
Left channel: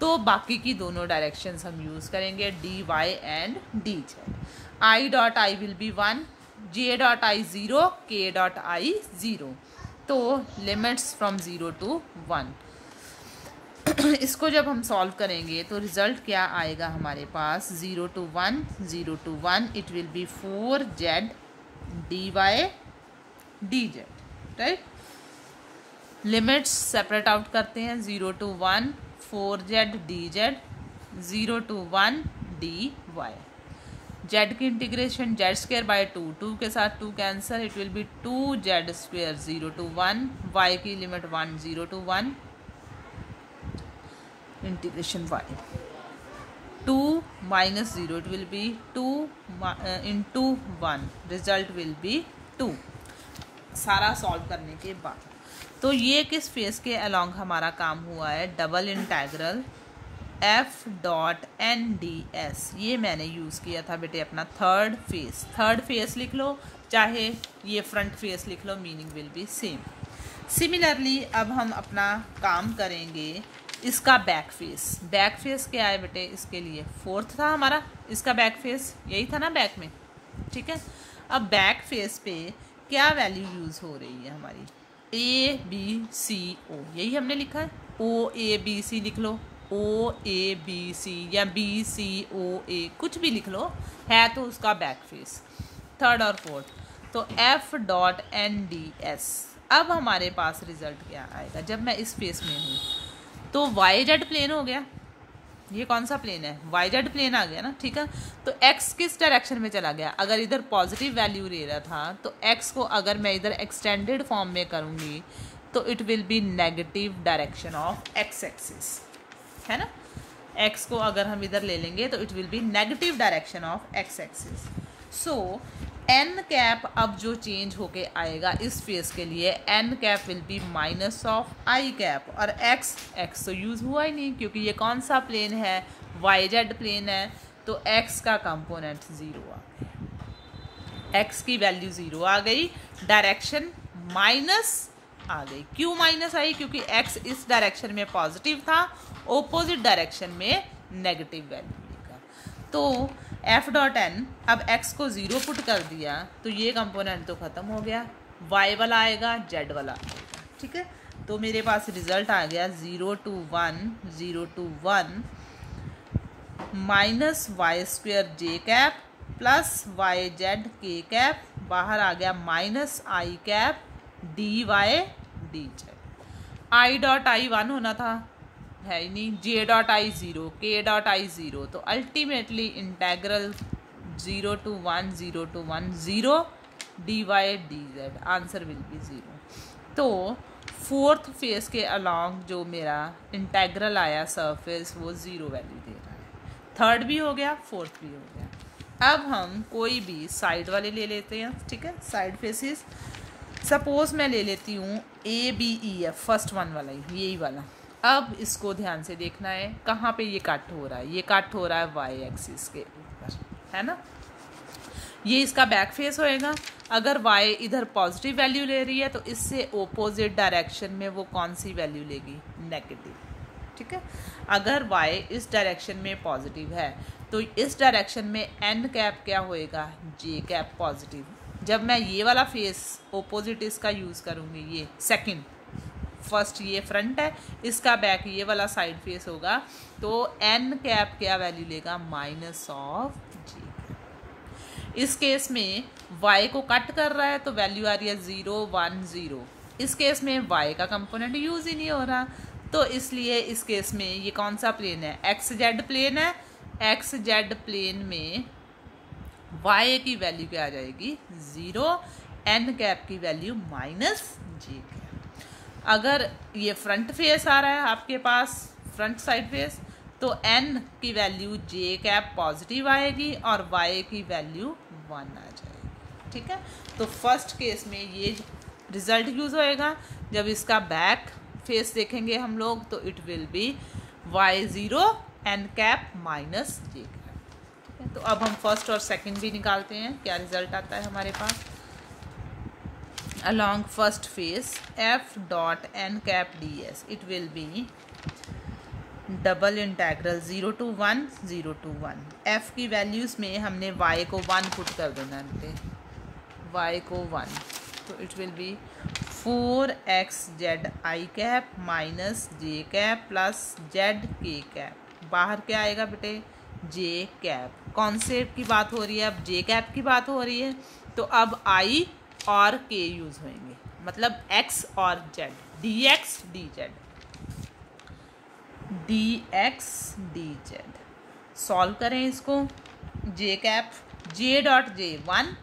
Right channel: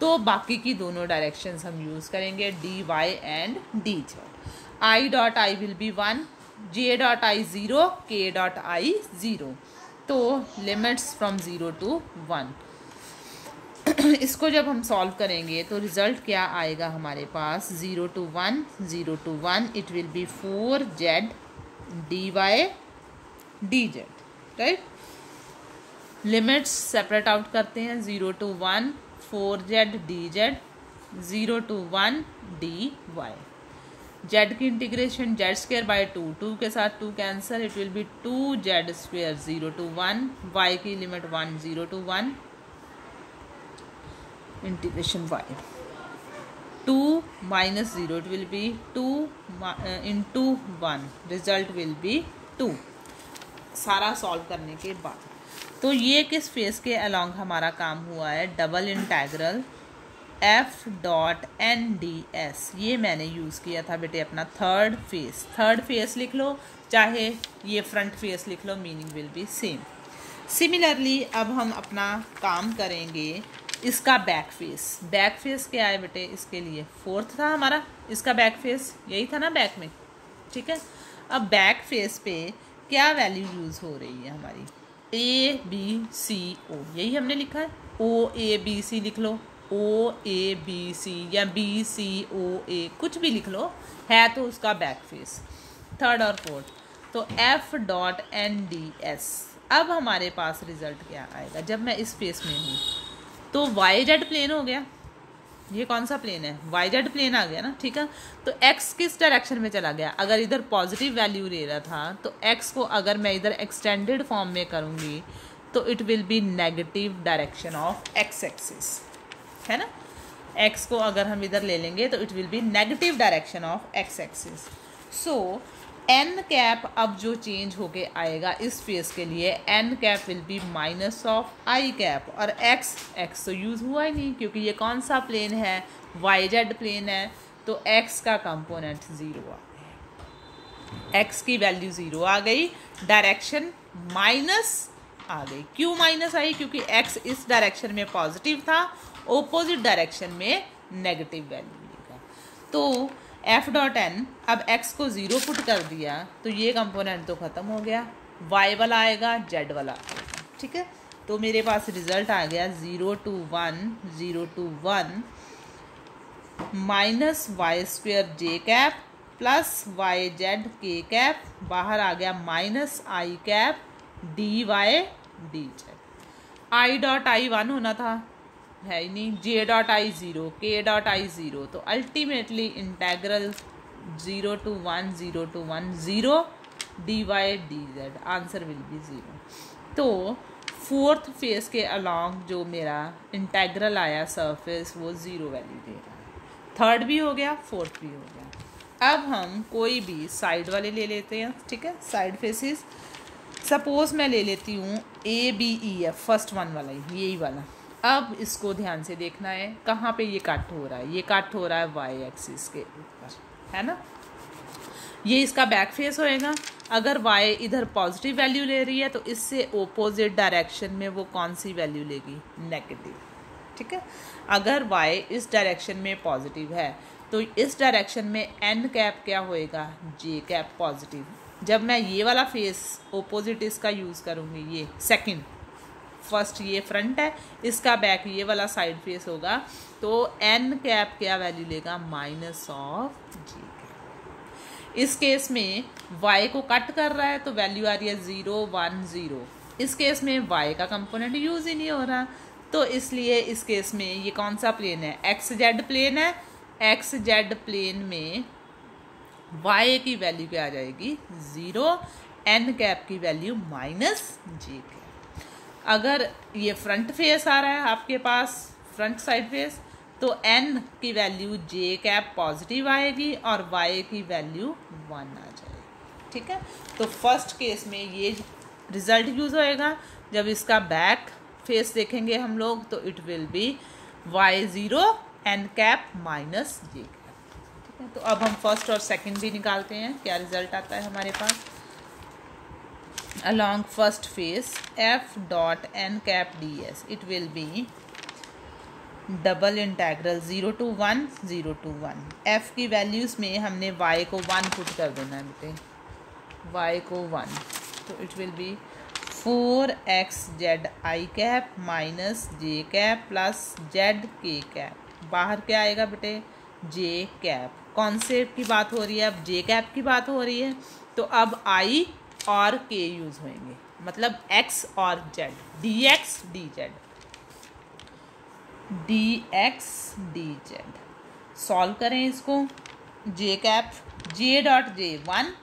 तो बाकी की दोनों डायरेक्शंस हम यूज़ करेंगे, D Y and D Z. I dot I will be 1, J dot आई 0, के डॉट आई 0। तो लिमिट्स फ्रॉम 0 to 1। इसको जब हम सॉल्व करेंगे तो रिजल्ट क्या आएगा हमारे पास, 0 to 1, 0 to 1, इट विल बी 4z D Y D Z, right. Limits separate out करते हैं, 0 to 1 4z D Z, 0 to 1 D Y. Z की इंटीग्रेशन जेड स्क्वायर बाई 2, 2 के साथ 2 cancel, it will be 2z square 0 to 1, y की limit 1 0 to 1 integration y, 2 minus 0 it will be 2 into 1, result will B 2। सारा solve करने के बाद तो ये किस फेस के अलॉन्ग हमारा काम हुआ है, double integral F dot N D S. ये मैंने यूज़ किया था बेटे अपना थर्ड फेस। थर्ड फेस लिख लो, चाहे ये फ्रंट फेस लिख लो, meaning will be same. Similarly अब हम अपना काम करेंगे इसका बैक फेस। बैक फेस क्या है बेटे, इसके लिए 4th था हमारा, इसका बैक फेस यही था ना बैक में, ठीक है। अब बैक फेस पे क्या वैल्यू यूज़ हो रही है हमारी, ए बी सी ओ, यही हमने लिखा है, ओ ए बी सी लिख लो, ओ ए बी सी या बी सी ओ ए, कुछ भी लिख लो, है तो उसका बैक फेस थर्ड और फोर्थ। तो F dot N D S. अब हमारे पास रिजल्ट क्या आएगा, जब मैं इस फेस में हूँ तो वाई जेड प्लेन हो गया, ये कौन सा प्लेन है, वाई जेड प्लेन आ गया ना, ठीक है। तो एक्स किस डायरेक्शन में चला गया, अगर इधर पॉजिटिव वैल्यू ले रहा था तो एक्स को अगर मैं इधर एक्सटेंडेड फॉर्म में करूँगी तो it will be negative direction of x axis, है ना। एक्स को अगर हम इधर ले लेंगे तो it will be negative direction of x axis. So n cap अब जो चेंज होके आएगा इस फेस के लिए, n cap will be minus of i cap, और एक्स तो यूज़ हुआ ही नहीं क्योंकि ये कौन सा प्लेन है, वाई जेड प्लेन है, तो एक्स का कंपोनेंट 0 आ गया, एक्स की वैल्यू 0 आ गई, डायरेक्शन माइनस आ गई। क्यों माइनस आई? क्योंकि एक्स इस डायरेक्शन में पॉजिटिव था, ओपोजिट डायरेक्शन में नेगेटिव वैल्यू लेगा। तो एफ डॉट एन, अब एक्स को 0 पुट कर दिया तो ये कंपोनेंट तो खत्म हो गया, वाई वाला आएगा, जेड वाला आएगा, ठीक है। तो मेरे पास रिजल्ट आ गया 0 to 1 0 to 1 minus Y square j cap plus Y Z के कैप, बाहर आ गया minus i cap d Y D Z. I dot आई 1 होना था, है ही नहीं, जे डॉट आई 0, के डॉट आई 0, तो ultimately integral 0 to 1 0 to 1 0 d Y D z, answer will be 0। तो फोर्थ फेस के अलॉन्ग जो मेरा इंटेग्रल आया सरफेस वो 0 वैल्यू दे रहा है। थर्ड भी हो गया, फोर्थ भी हो गया। अब हम कोई भी साइड वाले ले लेते हैं, ठीक है, साइड फेसिस। सपोज मैं ले लेती हूँ A B E F, first one वाला, यही वाला। अब इसको ध्यान से देखना है, कहाँ पे ये कट हो रहा है, ये कट हो रहा है वाई एक्सिस के ऊपर, है ना। ये इसका बैक फेस होएगा। अगर वाई इधर पॉजिटिव वैल्यू ले रही है तो इससे ओपोजिट डायरेक्शन में वो कौन सी वैल्यू लेगी, नेगेटिव, ठीक है। अगर वाई इस डायरेक्शन में पॉजिटिव है तो इस डायरेक्शन में एन कैप क्या होएगा, जे कैप पॉजिटिव। जब मैं ये वाला फेस ओपोजिट इसका यूज़ करूँगी, ये सेकंड, फर्स्ट ये फ्रंट है, इसका बैक ये वाला साइड फेस होगा, तो एन कैप क्या वैल्यू लेगा, माइनस ऑफ जी। इस केस में y को कट कर रहा है तो वैल्यू आ रही है 0 1 0। इस केस में y का कंपोनेंट यूज ही नहीं हो रहा, तो इसलिए इस केस में ये कौन सा प्लेन है, एक्स जेड प्लेन है। एक्स जेड प्लेन में y की वैल्यू क्या आ जाएगी, 0, एन कैप की वैल्यू माइनस जी कैप। अगर ये फ्रंट फेस आ रहा है आपके पास, फ्रंट साइड फेस, तो n की वैल्यू j कैप पॉजिटिव आएगी और y की वैल्यू 1 आ जाएगी, ठीक है। तो फर्स्ट केस में ये रिजल्ट यूज होएगा। जब इसका बैक फेस देखेंगे हम लोग तो it will be y0 n cap minus j cap, ठीक है। तो अब हम फर्स्ट और सेकंड भी निकालते हैं, क्या रिजल्ट आता है हमारे पास। along first face f dot n cap ds, it will be double integral 0 to 1 0 to 1। f की वैल्यूज़ में हमने y को 1 पुट कर देना है बेटे, y को 1, तो it will be 4x z i cap minus j cap plus Z के कैप। बाहर क्या आएगा बेटे, जे कैप। कौन से की बात हो रही है, अब जे कैप की बात हो रही है, तो अब i और k यूज होंगे, मतलब x और z, dx dz, dx dz। Solve करें इसको, j cap, j dot J 1,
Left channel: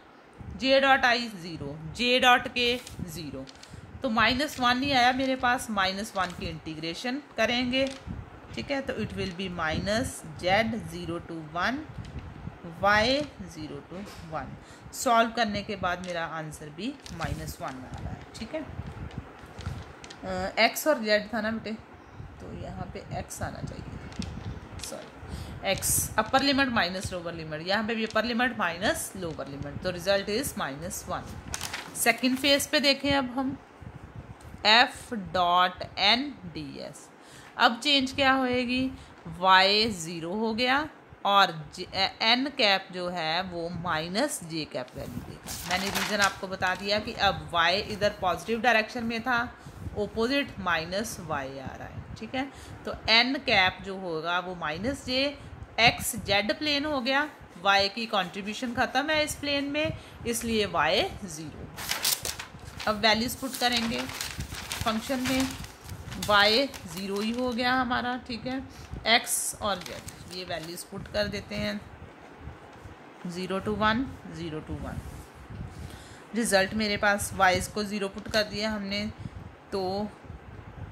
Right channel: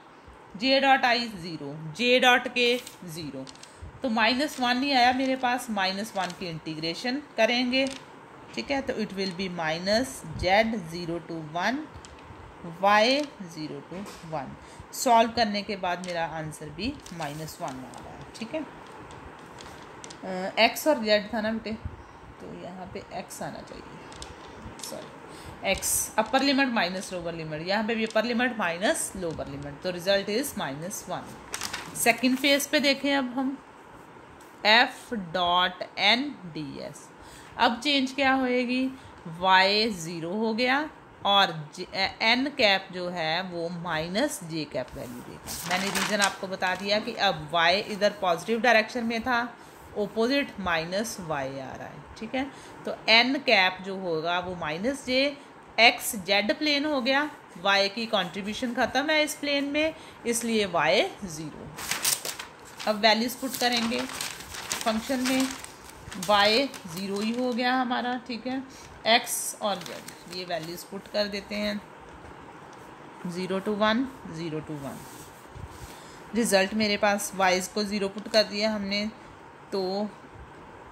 j dot I 0, j dot k 0, तो -1 ही आया मेरे पास, -1 की इंटीग्रेशन करेंगे, ठीक है। तो it will be minus Z 0 to 1 y 0 to 1। Solve करने के बाद मेरा आंसर भी -1 आ रहा है, ठीक है। x और z था ना बेटे, तो यहाँ पे x आना चाहिए, sorry x upper limit minus lower limit, यहाँ पे भी upper limit minus lower limit, तो रिजल्ट इज -1। सेकेंड फेज पे देखें अब हम, f dot N D S. अब चेंज क्या होएगी, y 0 हो गया और एन कैप जो है वो माइनस जे कैप वैल्यू देगा। मैंने रीज़न आपको बता दिया कि अब y इधर पॉजिटिव डायरेक्शन में था, ओपोजिट माइनस वाई आ रहा है, ठीक है। तो एन कैप जो होगा वो माइनस जे, एक्स जेड प्लेन हो गया, y की कंट्रीब्यूशन ख़त्म है इस प्लेन में, इसलिए y 0। अब वैल्यूज पुट करेंगे फंक्शन में, y 0 ही हो गया हमारा, ठीक है। x और z ये वैल्यूज पुट कर देते हैं, 0 to 1 0 to 1। रिजल्ट मेरे पास y को 0 पुट कर दिया हमने, तो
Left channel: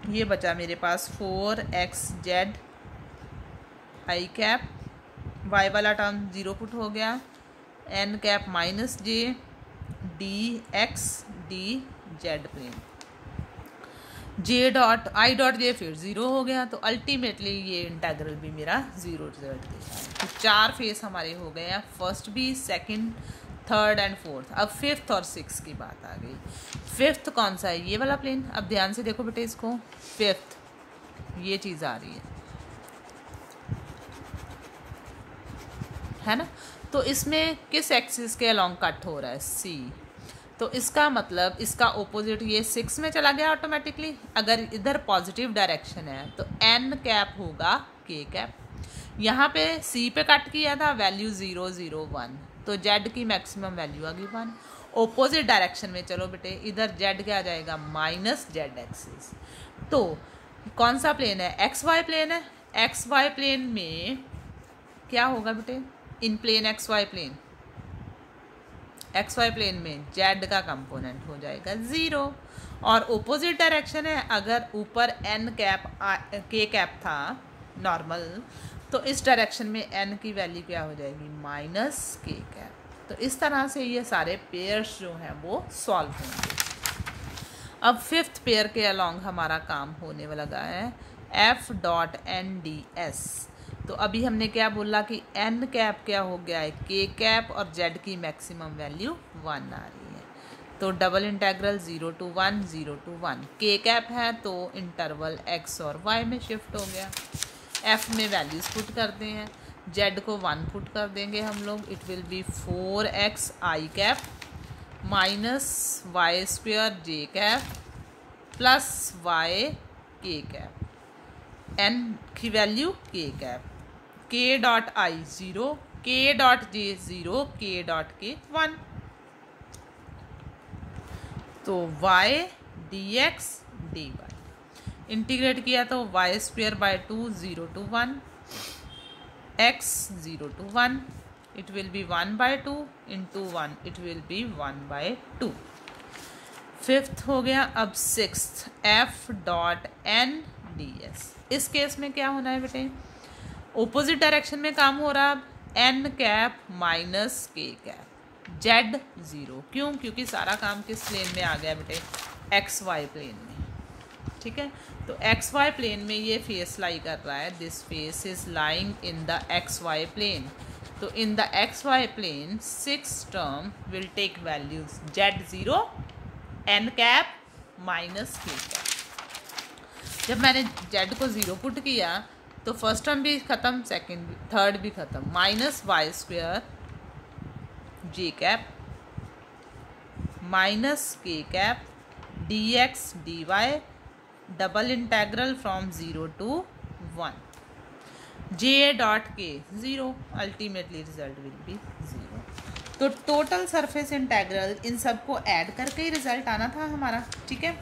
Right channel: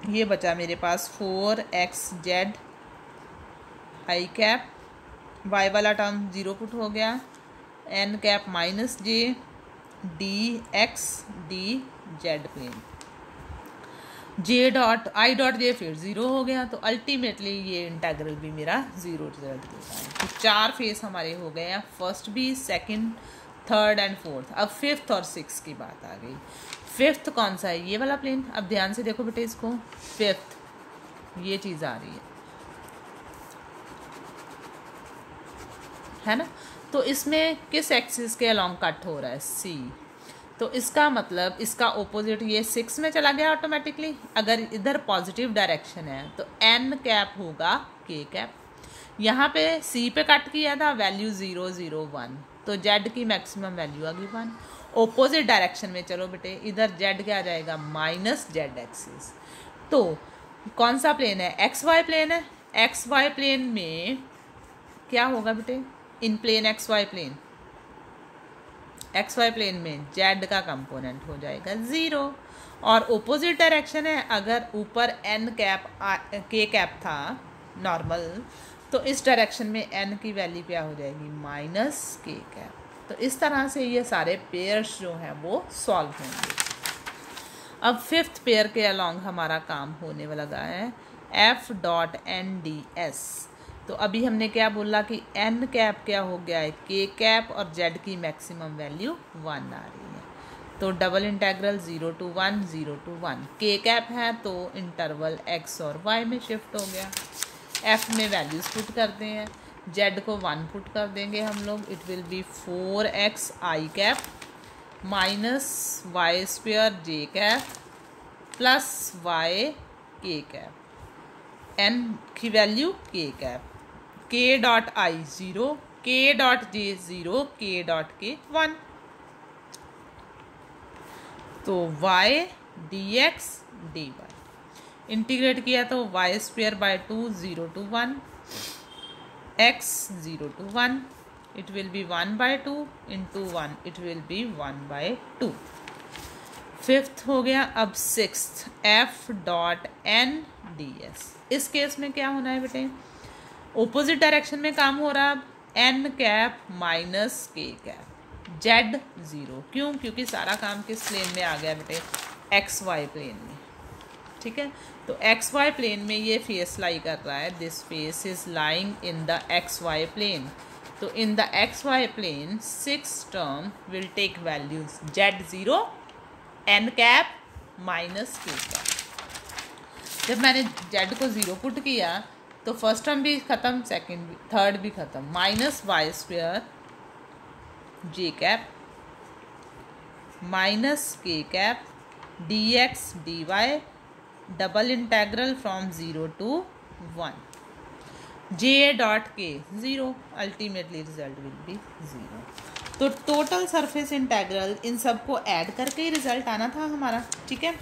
ये बचा मेरे पास 4x z i cap, y वाला टर्म 0 पुट हो गया, n cap minus j d x d z plane, j dot आई डॉट जे फिर 0 हो गया। तो अल्टीमेटली ये इंटेग्रल भी मेरा 0 रिजल्ट देता है। तो 4 फेस हमारे हो गए हैं, फर्स्ट भी, सेकंड, थर्ड एंड फोर्थ। अब फिफ्थ और सिक्स की बात आ गई। फिफ्थ कौन सा है? ये वाला प्लेन। अब ध्यान से देखो बेटे इसको, फिफ्थ ये चीज़ आ रही है ना। तो इसमें किस एक्सिस के अलोंग कट हो रहा है? सी। तो इसका मतलब इसका ओपोजिट ये 6 में चला गया ऑटोमेटिकली। अगर इधर पॉजिटिव डायरेक्शन है तो एन कैप होगा के कैप। यहाँ पे सी पे कट किया था, वैल्यू 0 0 1, तो जेड की मैक्सिमम वैल्यू आ गई 1। ओपोजिट डायरेक्शन में चलो बेटे, इधर जेड क्या आ जाएगा? Minus Z axis. तो कौन सा प्लेन है? एक्स वाई प्लेन है। एक्स वाई प्लेन में क्या होगा बेटे? In plane x Y plane, x Y plane में जेड का कंपोनेंट हो जाएगा 0। और ओपोजिट डायरेक्शन है, अगर ऊपर एन कैप के कैप था नॉर्मल, तो इस डायरेक्शन में एन की वैल्यू क्या हो जाएगी? माइनस के कैप। तो इस तरह से ये सारे पेयर्स जो हैं वो सॉल्व होंगे। अब फिफ्थ पेयर के अलोंग हमारा काम होने वाला है F dot N D S. तो अभी हमने क्या बोला कि एन कैप क्या हो गया है? के कैप, और जेड की मैक्सिमम वैल्यू 1 आ रही है। तो डबल इंटेग्रल 0 to 1 0 to 1। के कैप है तो इंटरवल एक्स और वाई में शिफ्ट हो गया। एफ में वैल्यूज पुट करते हैं, जेड को 1 पुट कर देंगे हम लोग। It will be 4x i cap minus Y square j cap plus y k cap. N की value k cap, k dot आई 0, के डॉट जे 0, के डॉट के 1। तो y dx dy इंटीग्रेट किया तो y square by 2 0 to 1, x 0 to 1, it will be 1 by 2 into 1, it will be 1 by 2। Fifth हो गया। अब sixth f dot N D s. इस केस में क्या होना है बेटे? ओपोजिट डायरेक्शन में काम हो रहा है। एन कैप माइनस के कैप, जेड 0। क्यों? क्योंकि सारा काम किस प्लेन में आ गया बेटे? एक्स वाई प्लेन में। ठीक है, तो एक्स वाई प्लेन में ये फेस लाई कर रहा है। This face is lying in the X Y plane. तो in the X Y plane 6 term will take values Z 0, N cap minus के कैप। जब मैंने जेड को 0 पुट किया तो फर्स्ट टर्म भी खत्म, सेकंड भी, थर्ड भी खत्म। Minus Y square j cap minus के cap d x d y double integral from 0 to 1, J dot k 0। Ultimately result will be 0। तो टोटल सरफेस इंटेग्रल इन सबको ऐड करके ही रिजल्ट आना था हमारा। ठीक है,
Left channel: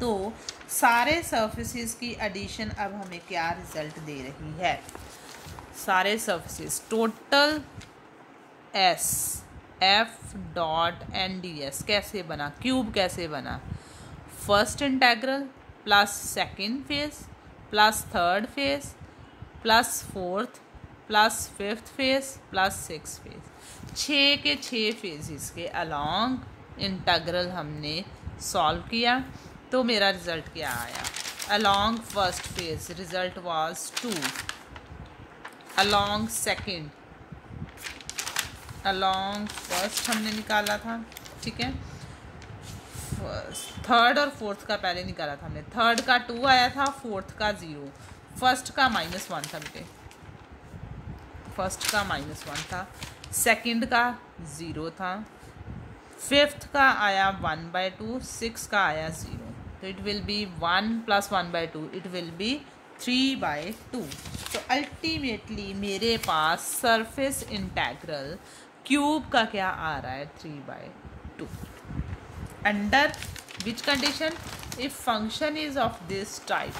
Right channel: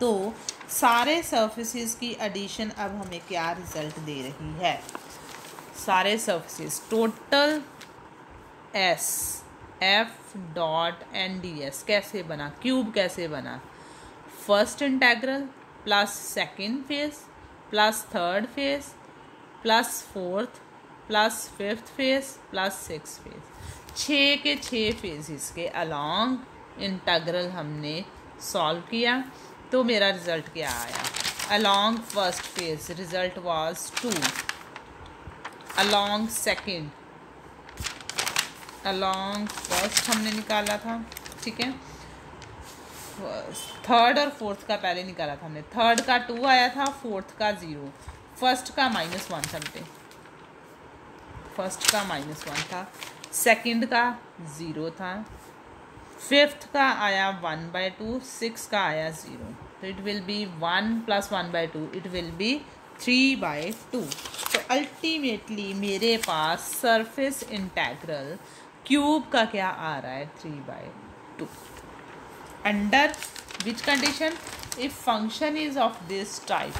तो सारे सरफेसेस की एडिशन अब हमें क्या रिजल्ट दे रही है? सारे surfaces total s F dot N D s कैसे बना? क्यूब कैसे बना? First integral plus second face plus third face plus fourth plus fifth face plus six face. 6 के 6 फेजेस के अलोंग इंटेग्रल हमने सॉल्व किया। तो मेरा रिजल्ट क्या आया? Along first phase result was 2, along second, along first हमने निकाला था। ठीक है, थर्ड और फोर्थ का पहले निकाला था हमने। थर्ड का 2 आया था, फोर्थ का 0, फर्स्ट का -1 था बेटे, फर्स्ट का -1 था, सेकंड का 0 था, फिफ्थ का आया 1/2, सिक्स का आया 0। तो it will be 1 + 1/2, it will be 3/2। तो अल्टीमेटली मेरे पास सरफेस इंटेग्रल क्यूब का क्या आ रहा है? 3/2। Under which condition? If function is of this type,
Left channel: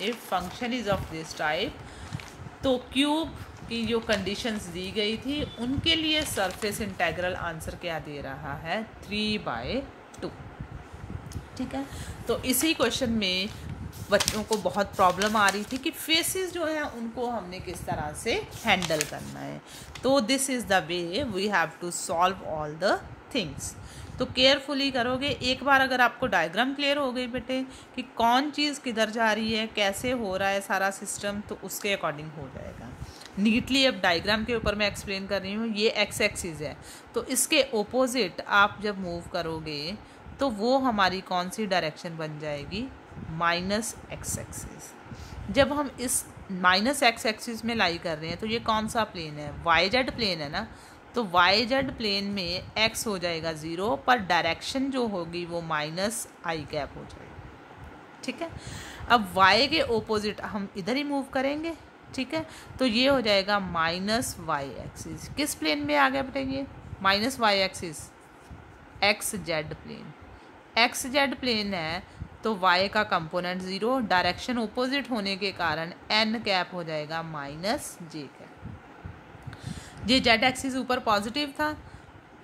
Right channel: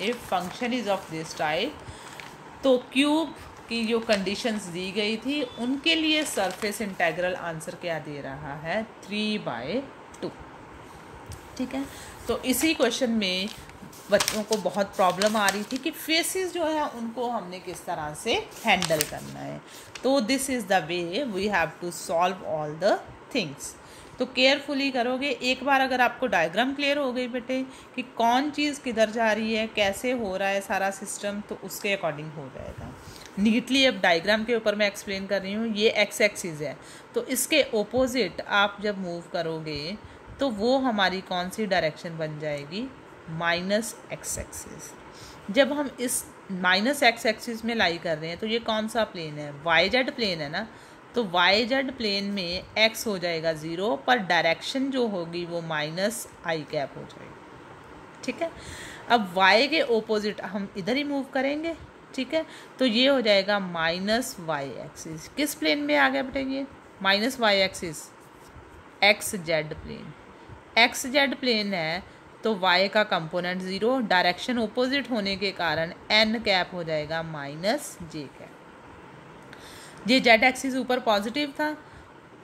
if function is of this type, तो क्यूब की जो कंडीशंस दी गई थी उनके लिए सरफेस इंटेग्रल आंसर क्या दे रहा है? 3/2। ठीक है, तो इसी क्वेश्चन में बच्चों को बहुत प्रॉब्लम आ रही थी कि फेसेस जो है उनको हमने किस तरह से हैंडल करना है। तो this is the way we have to solve all the things. तो केयरफुली करोगे। एक बार अगर आपको डायग्राम क्लियर हो गई बेटे कि कौन चीज़ किधर जा रही है, कैसे हो रहा है सारा सिस्टम, तो उसके अकॉर्डिंग हो जाएगा नीटली। अब डायग्राम के ऊपर मैं एक्सप्लेन कर रही हूँ। ये एक्स एक्सिस है, तो इसके ओपोजिट आप जब मूव करोगे तो वो हमारी कौन सी डायरेक्शन बन जाएगी, माइनस एक्स एक्सिस। जब हम इस माइनस एक्स एक्सिस में लाई कर रहे हैं तो ये कौन सा प्लेन है, वाई जेड प्लेन है ना। तो वाई जेड प्लेन में एक्स हो जाएगा 0, पर डायरेक्शन जो होगी वो माइनस आई कैप हो जाएगी। ठीक है, अब वाई के ओपोजिट हम इधर ही मूव करेंगे। ठीक है, तो ये हो जाएगा माइनस वाई एक्सिस। किस प्लेन में आ गया बेटे ये minus y axis, x z plane. X z plane है तो y का कंपोनेंट 0, डायरेक्शन ओपोजिट होने के कारण n कैप हो जाएगा माइनस जे कैप। ये जेड एक्सिस ऊपर पॉजिटिव था,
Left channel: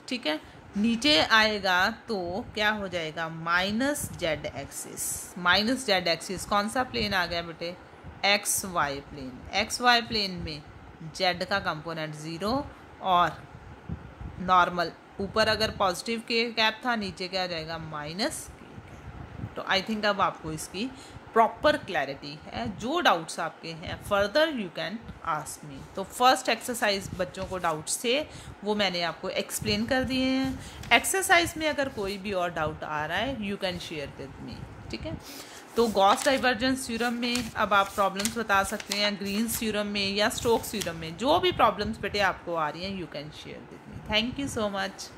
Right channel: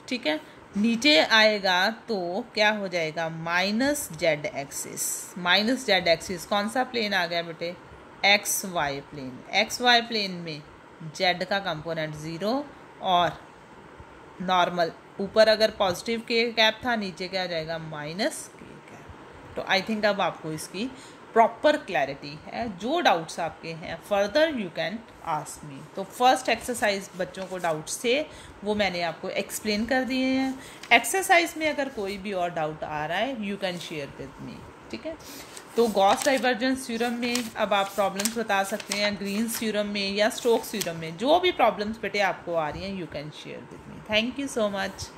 ठीक है, नीचे आएगा तो क्या हो जाएगा minus Z axis. Minus Z axis कौन सा प्लेन आ गया बेटे, x Y plane. X Y plane में जेड का कंपोनेंट 0 और नॉर्मल, ऊपर अगर पॉजिटिव के कैप था, नीचे क्या आ जाएगा माइनस के कैप। तो आई थिंक अब आपको इसकी प्रॉपर क्लैरिटी है। जो डाउट्स आपके हैं फर्दर यू कैन आस्क मी। तो फर्स्ट एक्सरसाइज बच्चों को डाउट्स थे वो मैंने आपको एक्सप्लेन कर दिए हैं। एक्सरसाइज में अगर कोई भी और डाउट आ रहा है you can share with me. ठीक है, तो गॉस डाइवर्जेंस थ्योरम में अब आप प्रॉब्लम्स बता सकते हैं, ग्रीन्स थ्योरम में या स्टोक्स थ्योरम में, जो भी प्रॉब्लम्स बेटे आपको आ रही हैं you can share with me. Thank you so much.